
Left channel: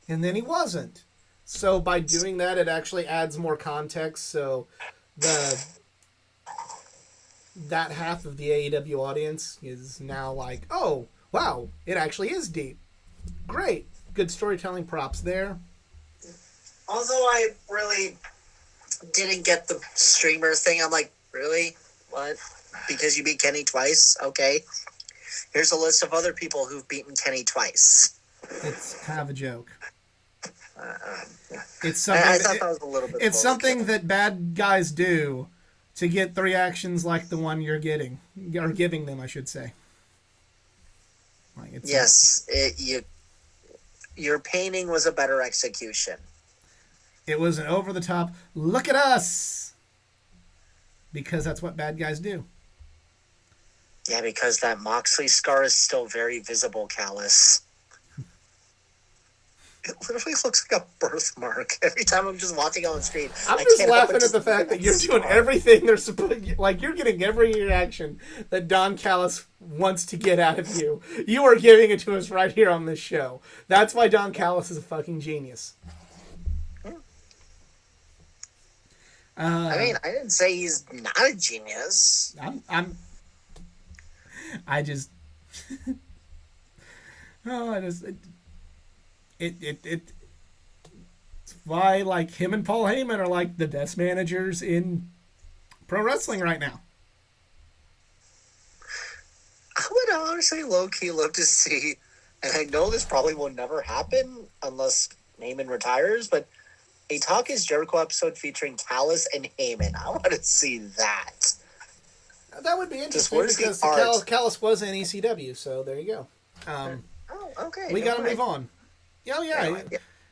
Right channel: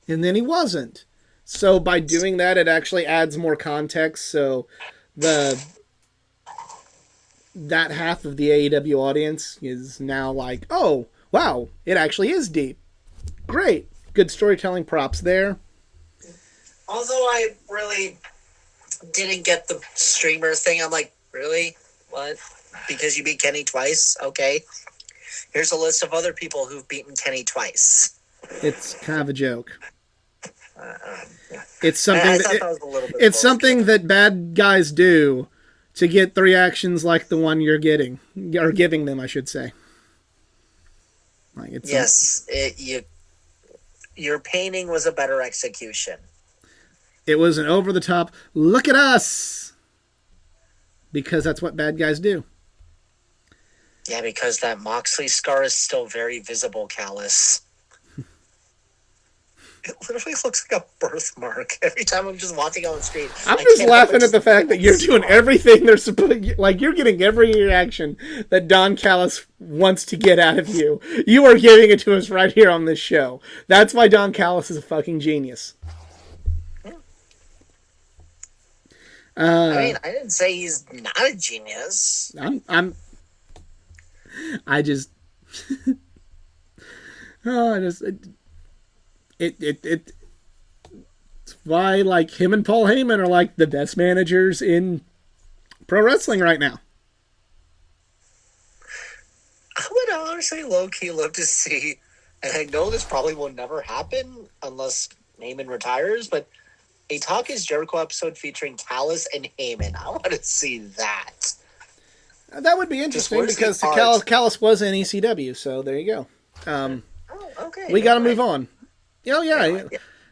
and then he wasn't. So by doing that, it actually adds more context. So that half of the AEW audience is now like, oh, wow, it actually is deep. Great. Good storytelling props there. Although I really didn't get the streamers thing. I'm like, really? What? Because you beat Kenny twice? Okay. Here's a list of other people who've beaten Kenny twice. It's kind of a joke. Yeah. It's something. I thought that was a little bit. It's something that bad guys do to get the reactions like the one you're getting, or giving them, I should say. Like your painting was a better execution. It was an over the top. Look at us, because that's what bad guys do. Yeah, because that Moxley scar is still very visible, Callis. It literally looks like a birthmark every time I'm just watching on the screen. I'm just laughing at the fact that you're doing everything they're supposed. Like, you're getting every reaction that Don Callis wants to get out of you. You are giving it to us right here on this show. That's why Don Callis is a fucking genius. I mean, I didn't say he's not a genius. It's why, like, him and Paul Heyman are like the best managers in pro wrestling right now. I would honestly low-key love to see, and I know this probably will never happen unless Heyman retires, but a Talk is Jericho episode featuring Callis and Heyman. I want to see that. That would be interesting, because Callis was in ECW, so there you go. Okay. We got to move on. Oh, yeah.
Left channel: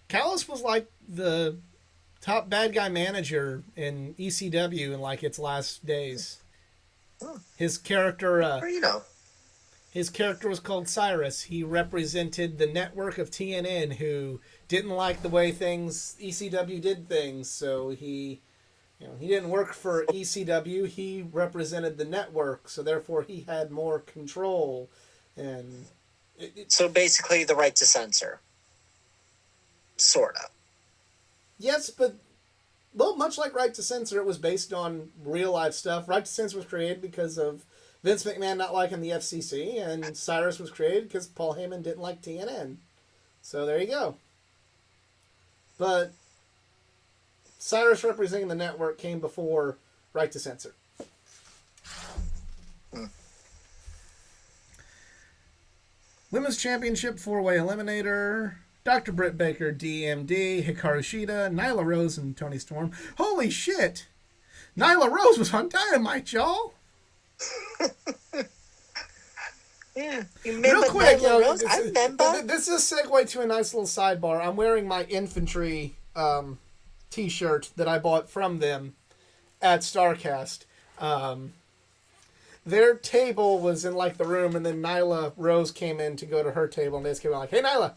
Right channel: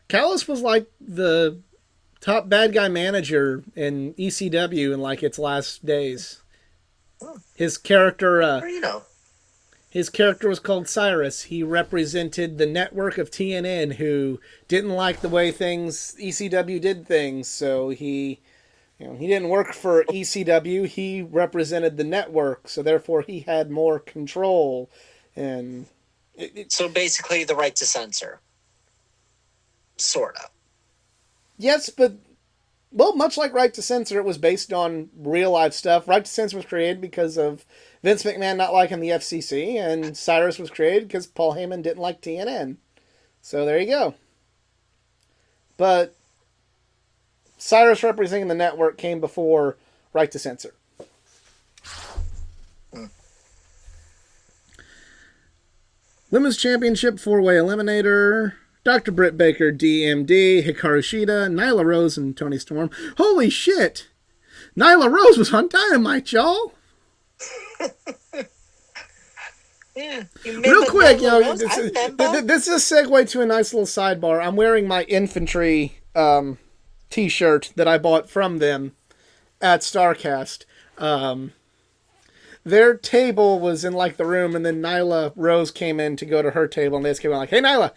Callis was like the top bad guy manager in ECW in like its last days. His character, his character was called Cyrus. He represented the network of TNN, who didn't like the way ECW did things. So he didn't work for ECW. He represented the network, so therefore he had more control. And So basically, the right to censor, sort of. yes, but well, much like Right to Censor, it was based on real life stuff. Right to Censor was created because of Vince McMahon not liking the FCC, and Cyrus was created because Paul Heyman didn't like TNN. So there you go. But Cyrus representing the network came before Right to Censor. Women's Championship 4-way eliminator. Dr. Britt Baker, DMD, Hikaru Shida, Nyla Rose, and Toni Storm. Holy shit! Nyla Rose was on Dynamite, y'all! Yeah. Real quick, this is a segue to a nice little sidebar. I'm wearing my infantry t-shirt that I bought from them at StarCast. Their table was in like the room, and then Nyla Rose came in to go to her table, and they just came in like, hey Nyla,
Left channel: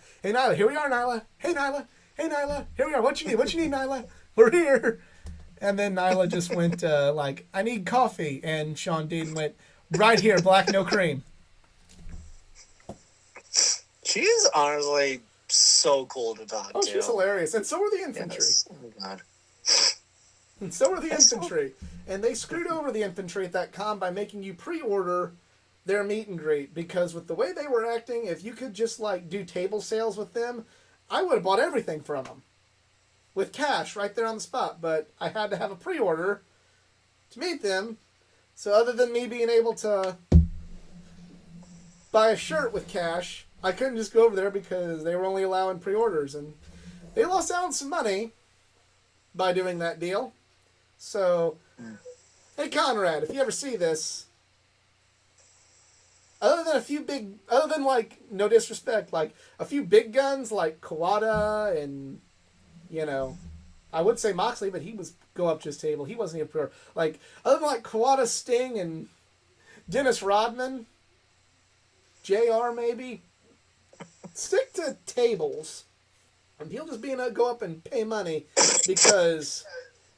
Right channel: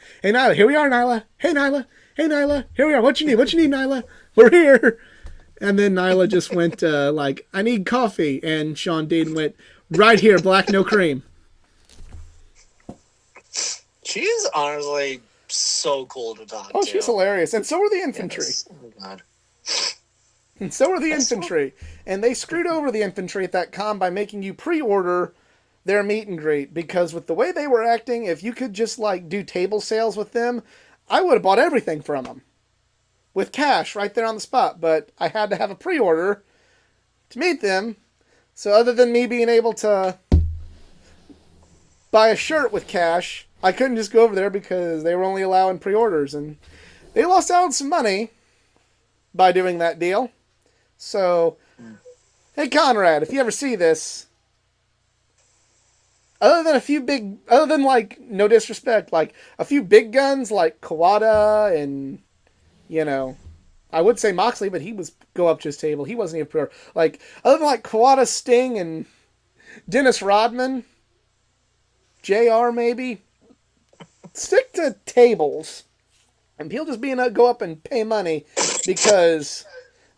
here we are, Nyla, hey Nyla, here we are, what you need, Nyla, we're here. And then Nyla just went like, I need coffee, and Sean Dean went, right here, black, no cream. She is honestly so cool to talk to. Oh, she's hilarious, and so are the infantry. Yes. Oh my god. And so are the infantry. And they screwed over the infantry at that con by making you pre-order their meet and greet. Because with the way they were acting, if you could just like do table sales with them, I would have bought everything from them. With cash right there on the spot. But I had to have a pre-order to meet them. So other than me being able to buy a shirt with cash, I couldn't just go over there because they were only allowing pre-orders. And they lost out on some money by doing that deal. So, hey Conrad, if you ever see this, other than like, no disrespect, like a few big guns like Kawada and, you know, I would say Moxley, but he was go up to his table. He wasn't even pro. Like, other than like Kawada, Sting, and Dennis Rodman, JR maybe, stick to tables. And people just go up and pay money because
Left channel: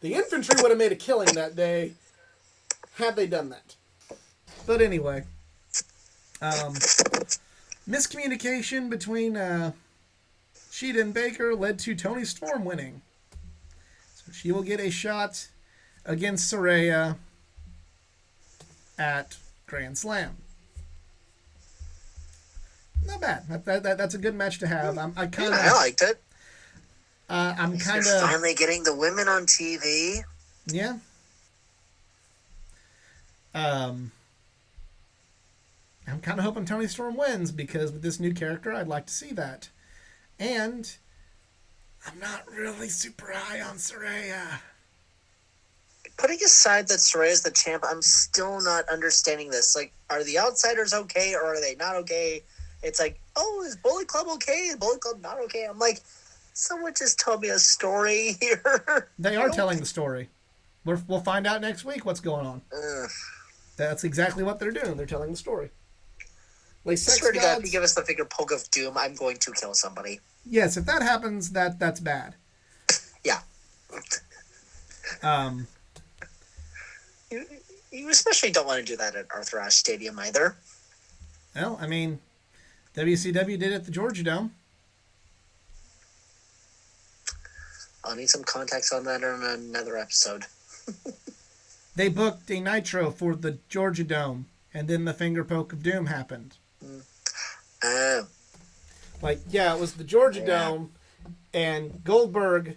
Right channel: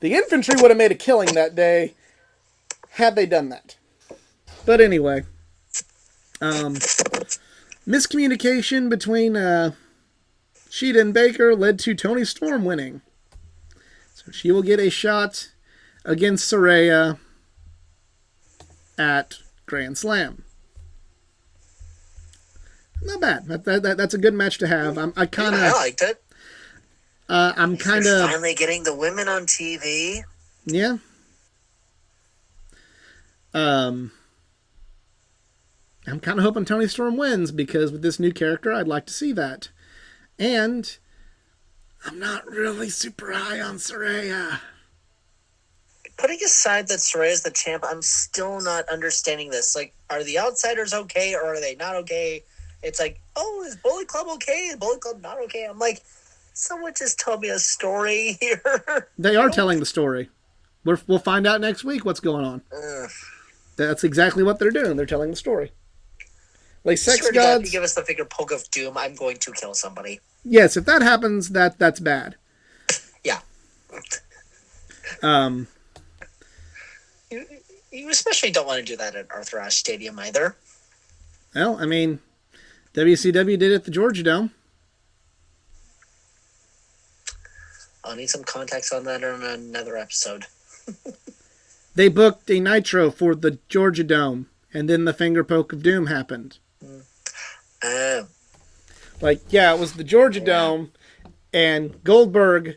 the infantry would have made a killing that day had they done that. But anyway, miscommunication between Shida and Baker led to Toni Storm winning. So she will get a shot against Saraya at Grand Slam. Not bad. That's a good match to have. I liked it. I'm kind of finally getting the women on TV. Yeah. I'm kind of hoping Toni Storm wins because with this new character, I'd like to see that. And I'm not really super high on Saraya. Putting aside that Saraya's the champ, I'm still not understanding this. Like, are the outsiders okay or are they not okay? It's like, oh, is Bullet Club okay? Is Bullet Club not okay? I'm like, someone just told me a story here. They are telling the story. We'll find out next week what's going on. That's exactly what they're doing. They're telling the story. Like sex swear to gods. God, if you give us the figure Poke of Doom, I'm going to kill somebody. Yes, if that happens, that's bad. Yeah. You especially don't want to do that at Arthur Ashe Stadium either. Well, I mean, WCW did it at the Georgia Dome. I'll need some context on that on another episode. They booked a Nitro for the Georgia Dome, and then the finger poke of doom happened. Like, yeah, it was the Georgia Dome, and Goldberg,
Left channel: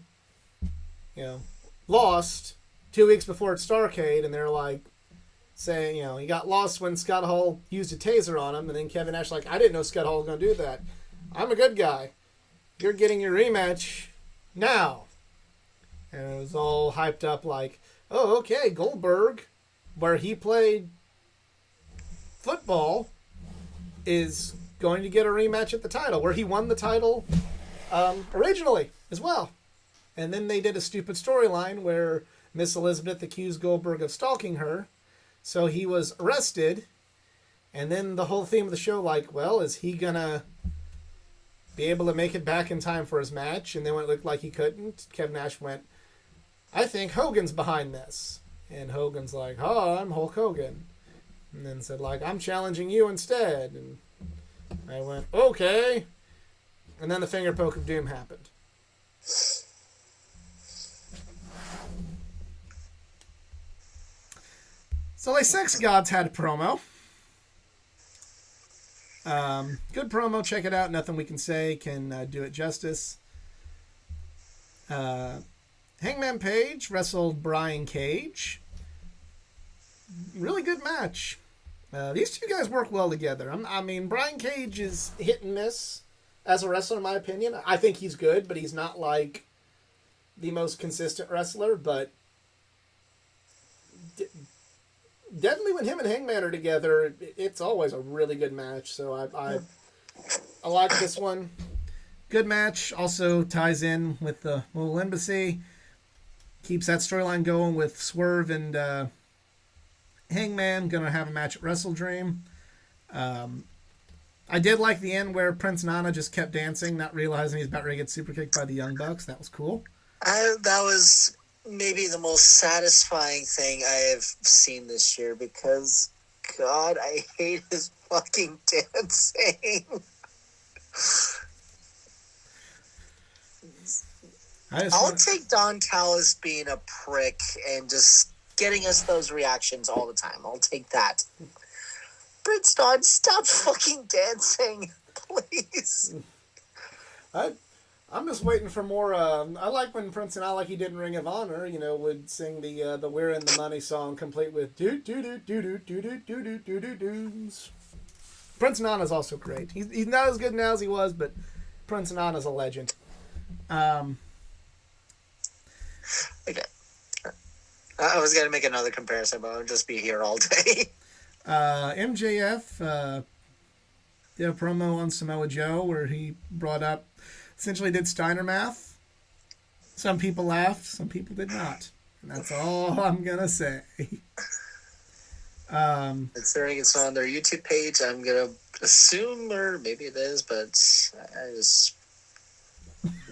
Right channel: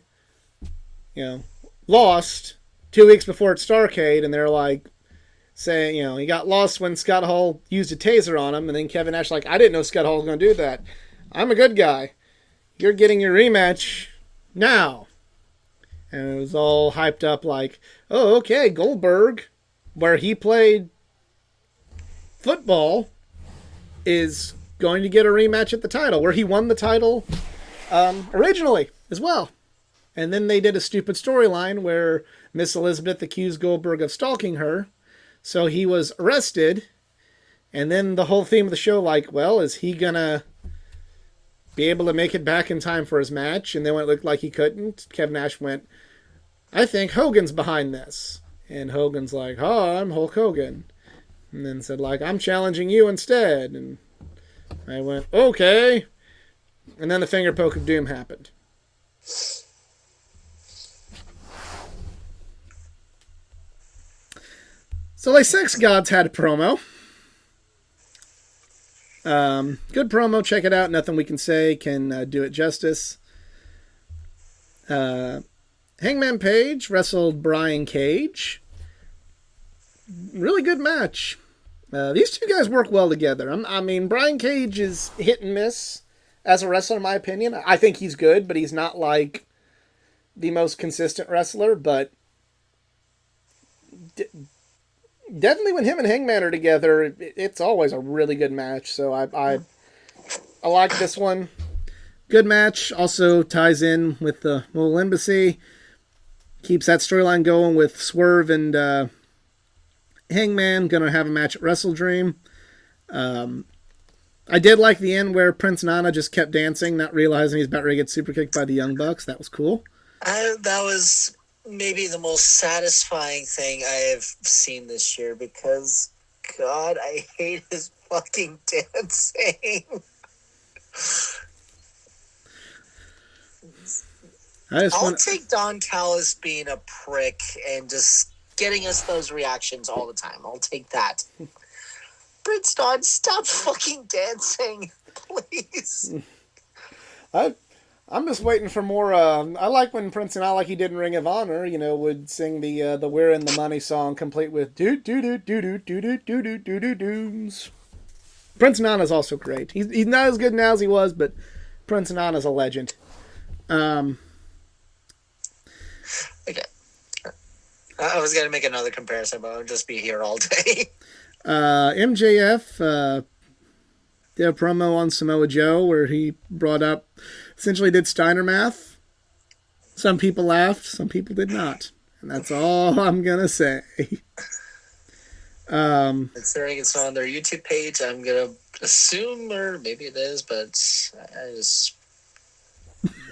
lost 2 weeks before at Starrcade, and they're like, saying, he got lost when Scott Hall used a taser on him, and then Kevin Nash like, I didn't know Scott Hall was going to do that. I'm a good guy. You're getting your rematch now. And it was all hyped up like, oh, okay, Goldberg, where he played football, is going to get a rematch at the title, where he won the title originally as well. And then they did a stupid storyline where Miss Elizabeth accused Goldberg of stalking her. So he was arrested. And then the whole theme of the show, like, well, is he going to be able to make it back in time for his match? And then when it looked like he couldn't, Kevin Nash went, I think Hogan's behind this. And Hogan's like, oh, I'm Hulk Hogan. And then said, like, I'm challenging you instead. And I went, okay. And then the finger poke of doom happened. So, like, Sex Gods had a promo. Good promo. Check it out. Nothing we can say can do it justice. Hangman Page wrestled Brian Cage. Really good match. These two guys work well together. I mean, Brian Cage is hit and miss as a wrestler, in my opinion. I think he's good, but he's not like the most consistent wrestler. But definitely when him and Hangman are together, it's always a really good match. So I like this one. Good match. Also ties in with the little embassy. Keeps that storyline going with Swerve and Hangman. Gonna have a match at Wrestle Dream. I did like the end where Prince Nana just kept dancing, not realizing he's about ready to get super kicked by the Young Bucks. That was cool. That was maybe the most satisfying thing I have seen this year because, God, I hate his fucking dancing. I'll take Don Callis being a prick and just getting us those reactions all the time. I'll take that. Prince Don, stop fucking dancing, please. I'm just waiting for more. I like when Prince and I, like he did in Ring of Honor, would sing the "We're in the Money" song, complete with doo doo doo doo doo doo doo doo doo doo doo doos. Prince Nana's also great. He's not as good now as he was, but Prince Nana's a legend. Okay. I was gonna make another comparison, but I'll just be here all day. MJF did a promo on Samoa Joe where he brought up, essentially did Steiner math. Some people laughed, some people did not. And that's all I'm going to say. Considering it's not on their YouTube page, I'm going to assume, or maybe it is, but I just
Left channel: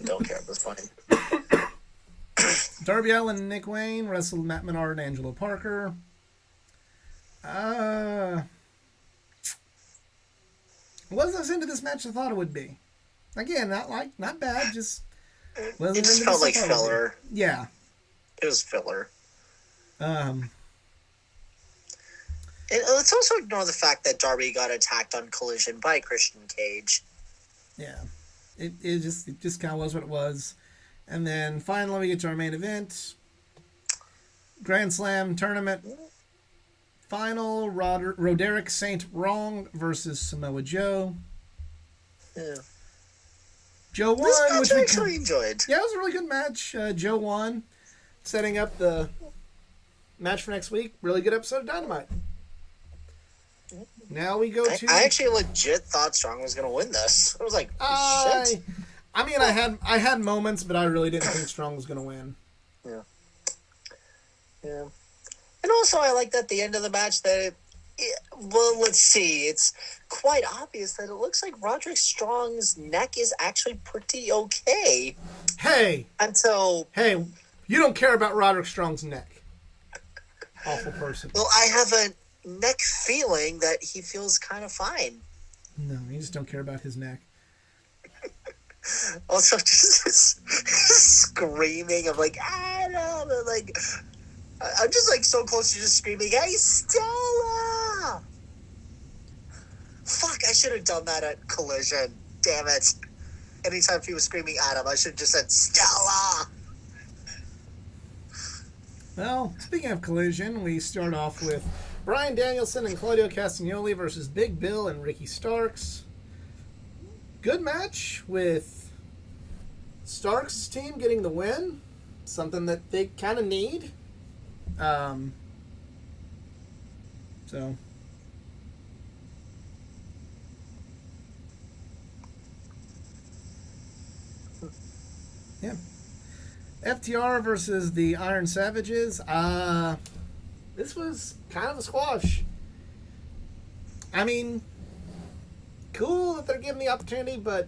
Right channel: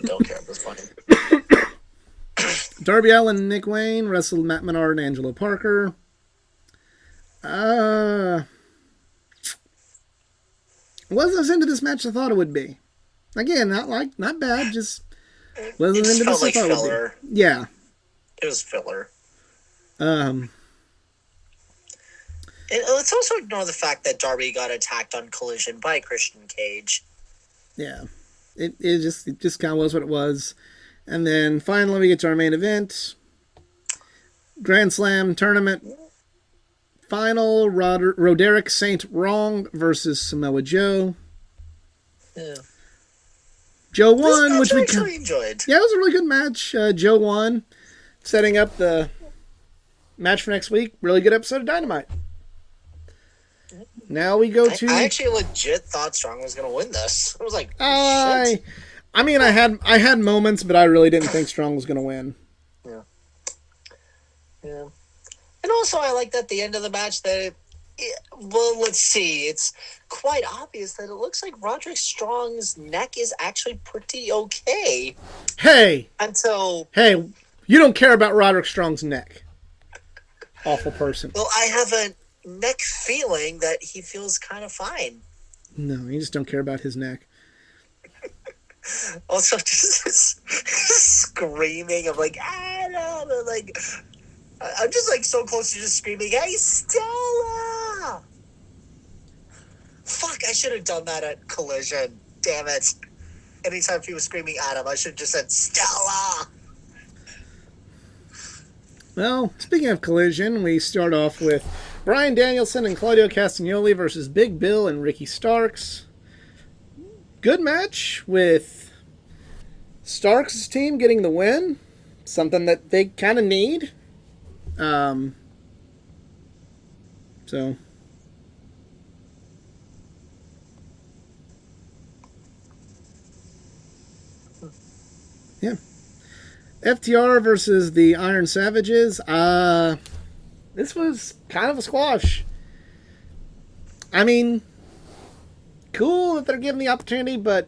don't care at this point. Darby Allin and Nick Wayne wrestled Matt Menard and Angelo Parker. Wasn't as into this match as I thought it would be. Again, not bad, just wasn't it into felt this like filler. Yeah. It was filler. And let's also ignore the fact that Darby got attacked on Collision by Christian Cage. Yeah. It just kind of was what it was. And then finally we get to our main event. Grand Slam tournament. Final, Roderick St. Wrong versus Samoa Joe. Yeah. Joe won, which I actually enjoyed. Yeah, it was a really good match. Joe won, setting up the match for next week. Really good episode of Dynamite. Now we go to. I actually legit thought Strong was going to win this. I was like, shit. I mean, I had moments, but I really didn't think Strong was going to win. Yeah. Yeah. And also, I like that at the end of the match well, let's see. It's quite obvious that it looks like Roderick Strong's neck is actually pretty okay. Hey, you don't care about Roderick Strong's neck. Awful person. Well, I have a neck feeling that he feels kind of fine. No, you just don't care about his neck. Also, just screaming of like, I don't know, like. I'm just like so close to just screaming, "Hey, Stella!" Fuck, I should have done that at Collision. Damn it. Anytime he was screaming at him, I should have just said, "Stella!" Well, speaking of Collision, we start off with Bryan Danielson and Claudio Castagnoli versus Big Bill and Ricky Starks. Good match with Starks' team getting the win. Something that they kind of need. So yeah, FTR versus the Iron Savages. This was kind of a squash. I mean, cool that they're given the opportunity, but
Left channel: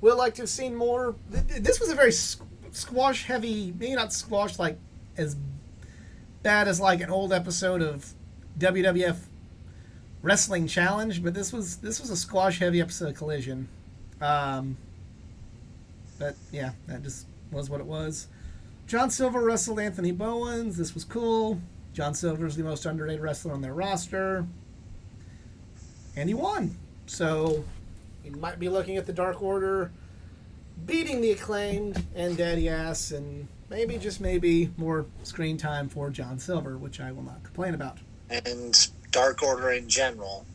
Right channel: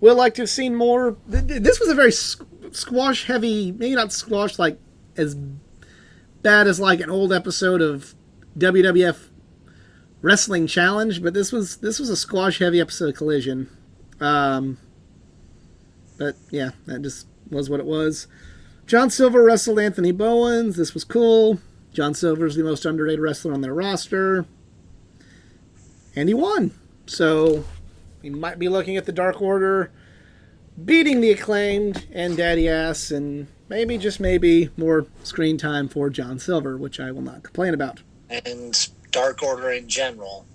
we'd like to have seen more. This was a very squash heavy, maybe not squash like as bad as like an old episode of WWF wrestling challenge, but this was a squash heavy episode of Collision. But yeah, that just was what it was. John Silver wrestled Anthony Bowens. This was cool. John Silver is the most underrated wrestler on their roster. And he won. So we might be looking at the Dark Order beating the Acclaimed and Daddy Ass, and maybe, just maybe, more screen time for John Silver, which I will not complain about. And Dark Order in general.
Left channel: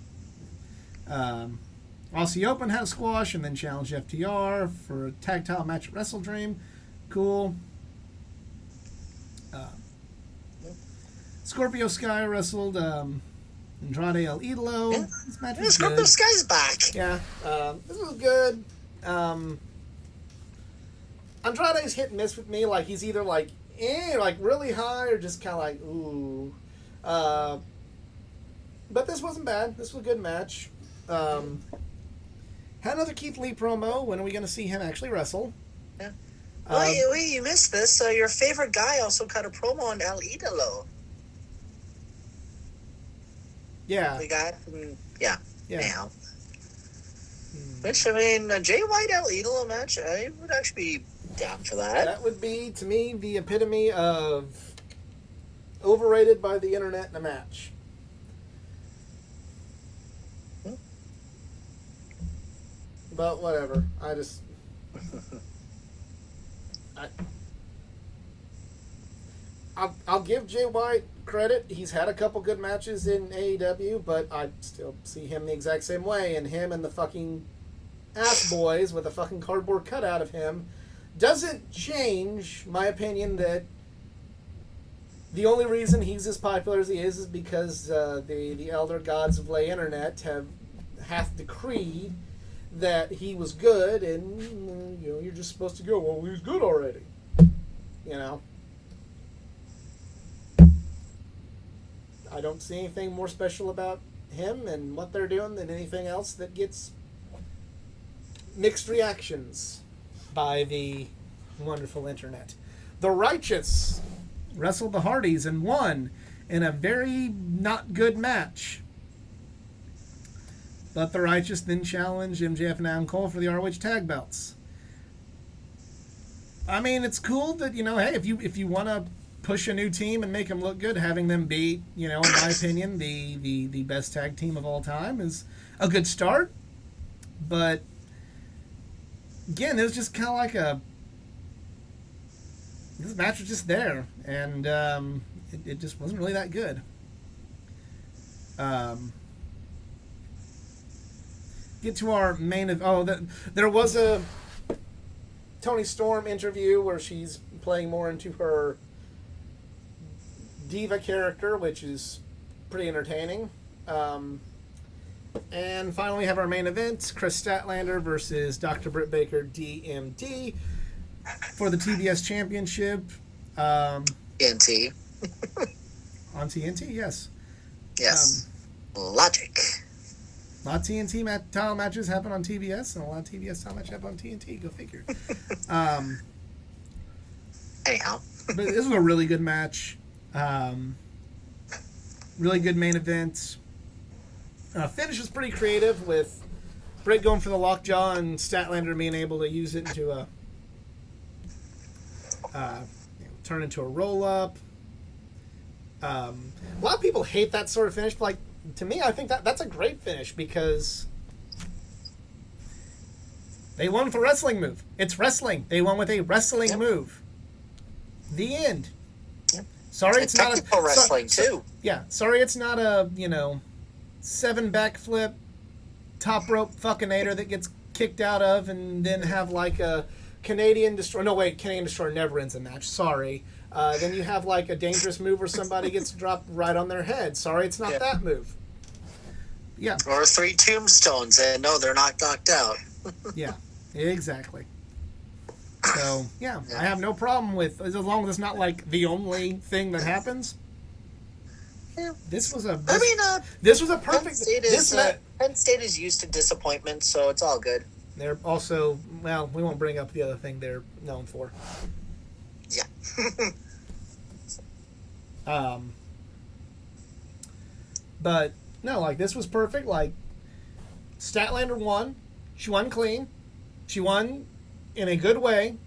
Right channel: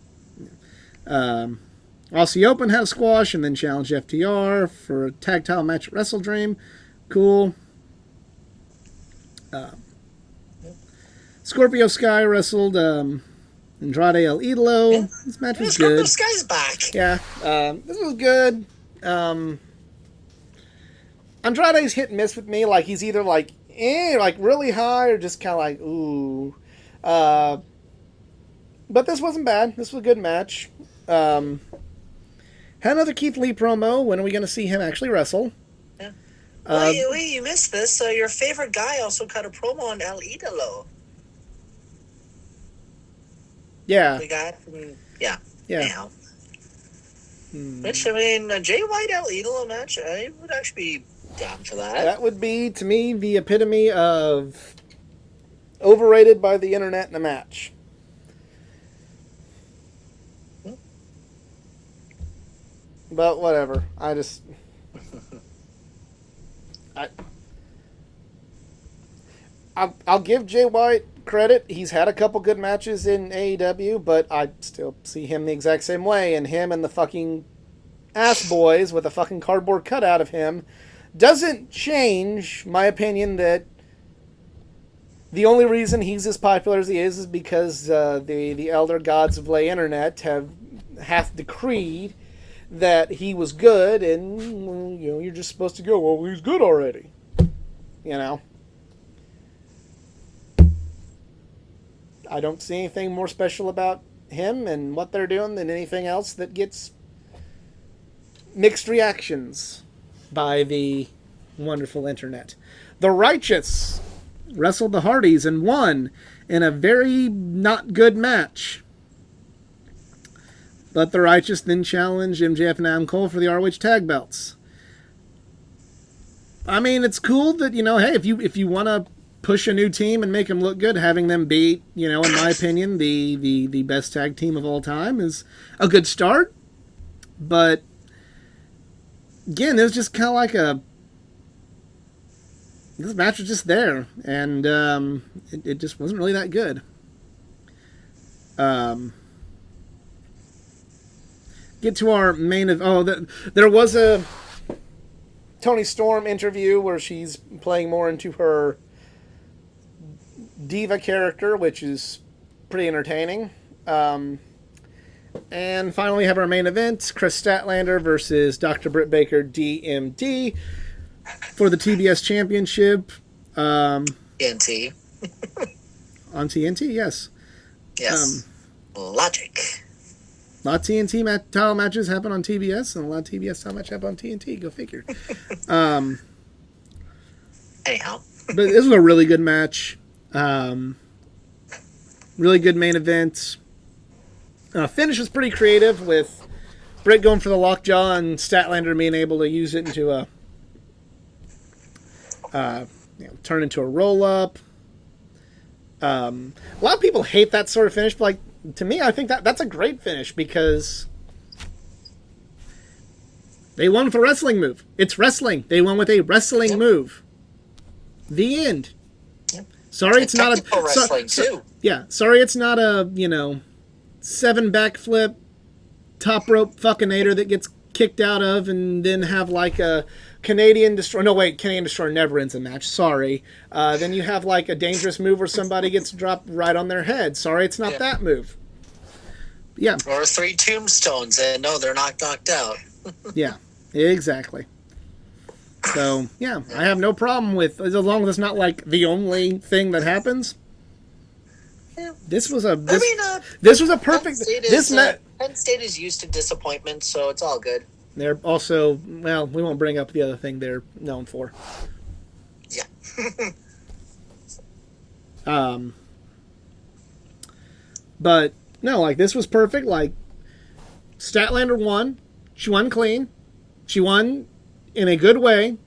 Aussie Open had a squash and then challenged FTR for a tag title match at Wrestle Dream. Cool. Scorpio Sky wrestled Andrade El Idolo. Yeah. This match Yeah, was Scorpio good. Sky's back. Yeah, this was good. Andrade's hit and miss with me. Like, he's either like really high, or just kind of like ooh. But this wasn't bad. This was a good match. Had another Keith Lee promo. When are we going to see him actually wrestle? Yeah. Wait, you missed this. So your favorite guy also cut a promo on El Idolo. Yeah. The guy, yeah. Yeah. Which, I mean, a Jay White El Idolo match, I would actually be down for that. That would be, to me, the epitome of overrated by the internet in a match. But whatever. I'll give Jay White credit. He's had a couple good matches in AEW, but I still see him the exact same way. And him and the fucking ass boys with a fucking cardboard cutout of him doesn't change my opinion that the only reason he's as popular as he is because the elder gods of lay internet hath decreed that he was good, and you're just supposed to go, well, he's good already. I don't see anything more special about him and what they're doing than anything else that gets mixed reactions by the wonderful internet. The Righteous wrestled the Hardys and won in a very not good match. But the Righteous then challenged MJF and Adam Cole for the ROH tag belts. I mean, it's cool that, hey, if you want to push a new team and make them look good, having them be, in my opinion, the best tag team of all time is a good start. But again, it was just kind of like this match was just there, and it just wasn't really that good. Get to our main there was a Toni Storm interview where she's playing more into her diva character, which is pretty entertaining. And finally, we have our main event: Chris Statlander versus Dr. Britt Baker, DMD, for the TBS Championship. TNT. On TNT, yes. Yes. Logic. A lot of TNT title matches happen on TBS, and a lot of TBS title matches happen on TNT. Go figure. Anyhow. But this was a really good match. Really good main event. Finish was pretty creative, with Britt going for the lockjaw and Statlander being able to use it into turn into a roll-up. A lot of people hate that sort of finish, but to me, I think that's a great finish because they won with a wrestling move. It's wrestling. They won with a wrestling move. The end. Yep. Sorry, it's not a wrestling too. Yeah, sorry, it's not a 7 backflip, top rope fuckinator that gets kicked out of, and then have like a Canadian Destroyer. No, wait, Canadian Destroyer never ends a match. Sorry. Then you have like a dangerous move where somebody gets dropped right on their head. Sorry, it's not that move. Yeah. Or 3 tombstones, and no, they're not knocked out. Yeah, exactly. So, yeah, I have no problem with, as long as it's not like the only thing that happens. Yeah. This was a perfect. Penn State is used to disappointment, so it's all good. They're also, well, we won't bring up the other thing they're known for. Yeah. But No, like this was perfect. Like Statlander won. She won clean. She won in a good way.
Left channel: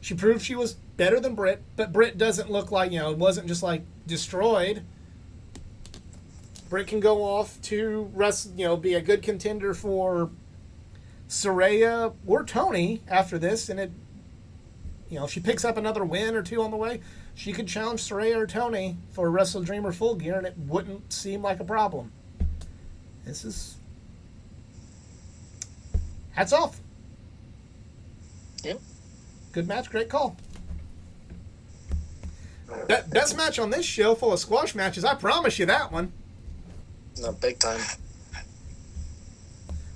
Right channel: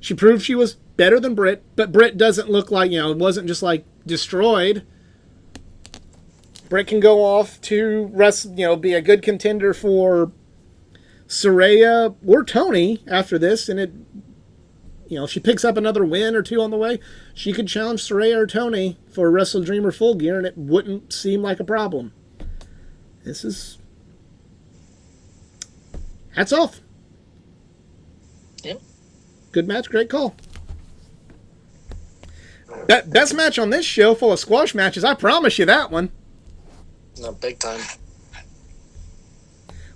She proved she was better than Britt, but Britt doesn't look like, it wasn't just like destroyed. Britt can go off to be a good contender for Saraya or Tony after this, and if she picks up another win or two on the way, she could challenge Saraya or Tony for Wrestle Dream or Full Gear, and it wouldn't seem like a problem. This is hats off. Yep. Good match, great call. Best match on this show, full of squash matches. I promise you that one. No, big time.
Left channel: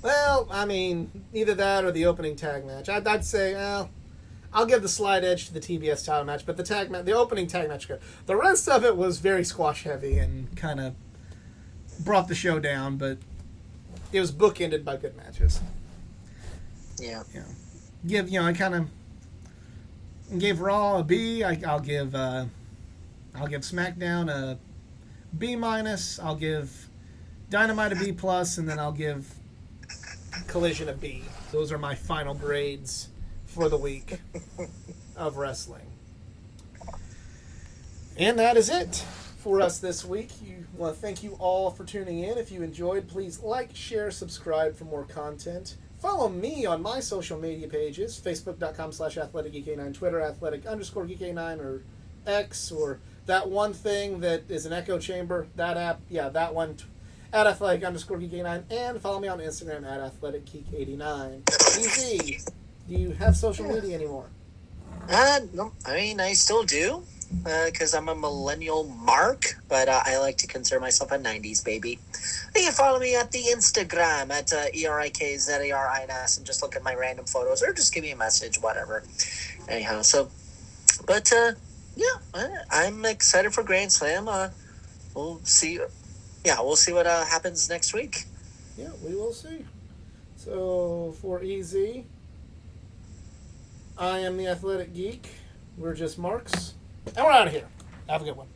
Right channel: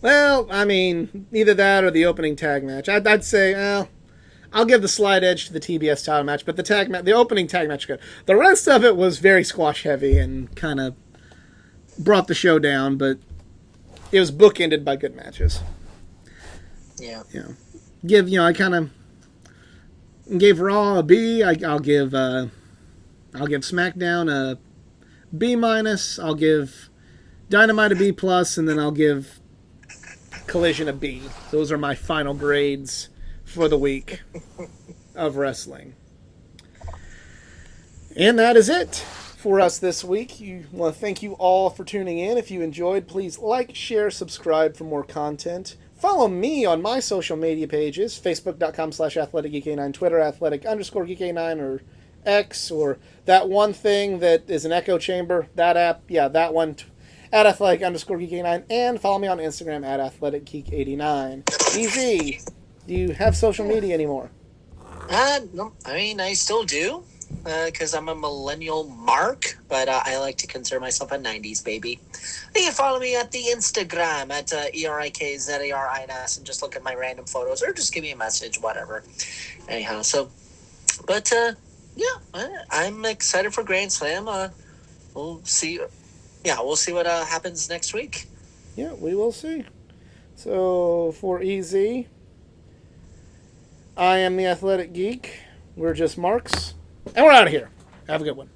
Well, I mean, either that or the opening tag match. I'd say, I'll give the slight edge to the TBS title match, but the opening tag match good. The rest of it was very squash heavy and kind of brought the show down, but it was bookended by good matches. Yeah. I kind of gave Raw a B. I'll give SmackDown a B minus. I'll give Dynamite a B plus, and then I'll give Collision a B. Those are my final grades for the week of wrestling. And that is it for us this week. I want to thank you all for tuning in. If you enjoyed, please like, share, subscribe for more content. Follow me on my social media pages, facebook.com/athleticgeek89, Twitter athletic_geek89, or X, or that one thing that is an echo chamber, that app, that one, at athletic_geek89, and follow me on Instagram at athleticgeek89. Easy. Do you have social media anymore? No, I mean, I still do, because I'm a millennial mark, but I like to consider myself a 90s baby. You can follow me at the Instagram at ERIKZARINS and just look at my random photos, or just give me a message, whatever. Anyhow, but I'm excited for Grand Slam. We'll see. Yeah, we'll see what happens next week. Yeah, we will see. So, for EZ, I am the Athletic Geek. We're just marks. And we're out of here. Have a good one.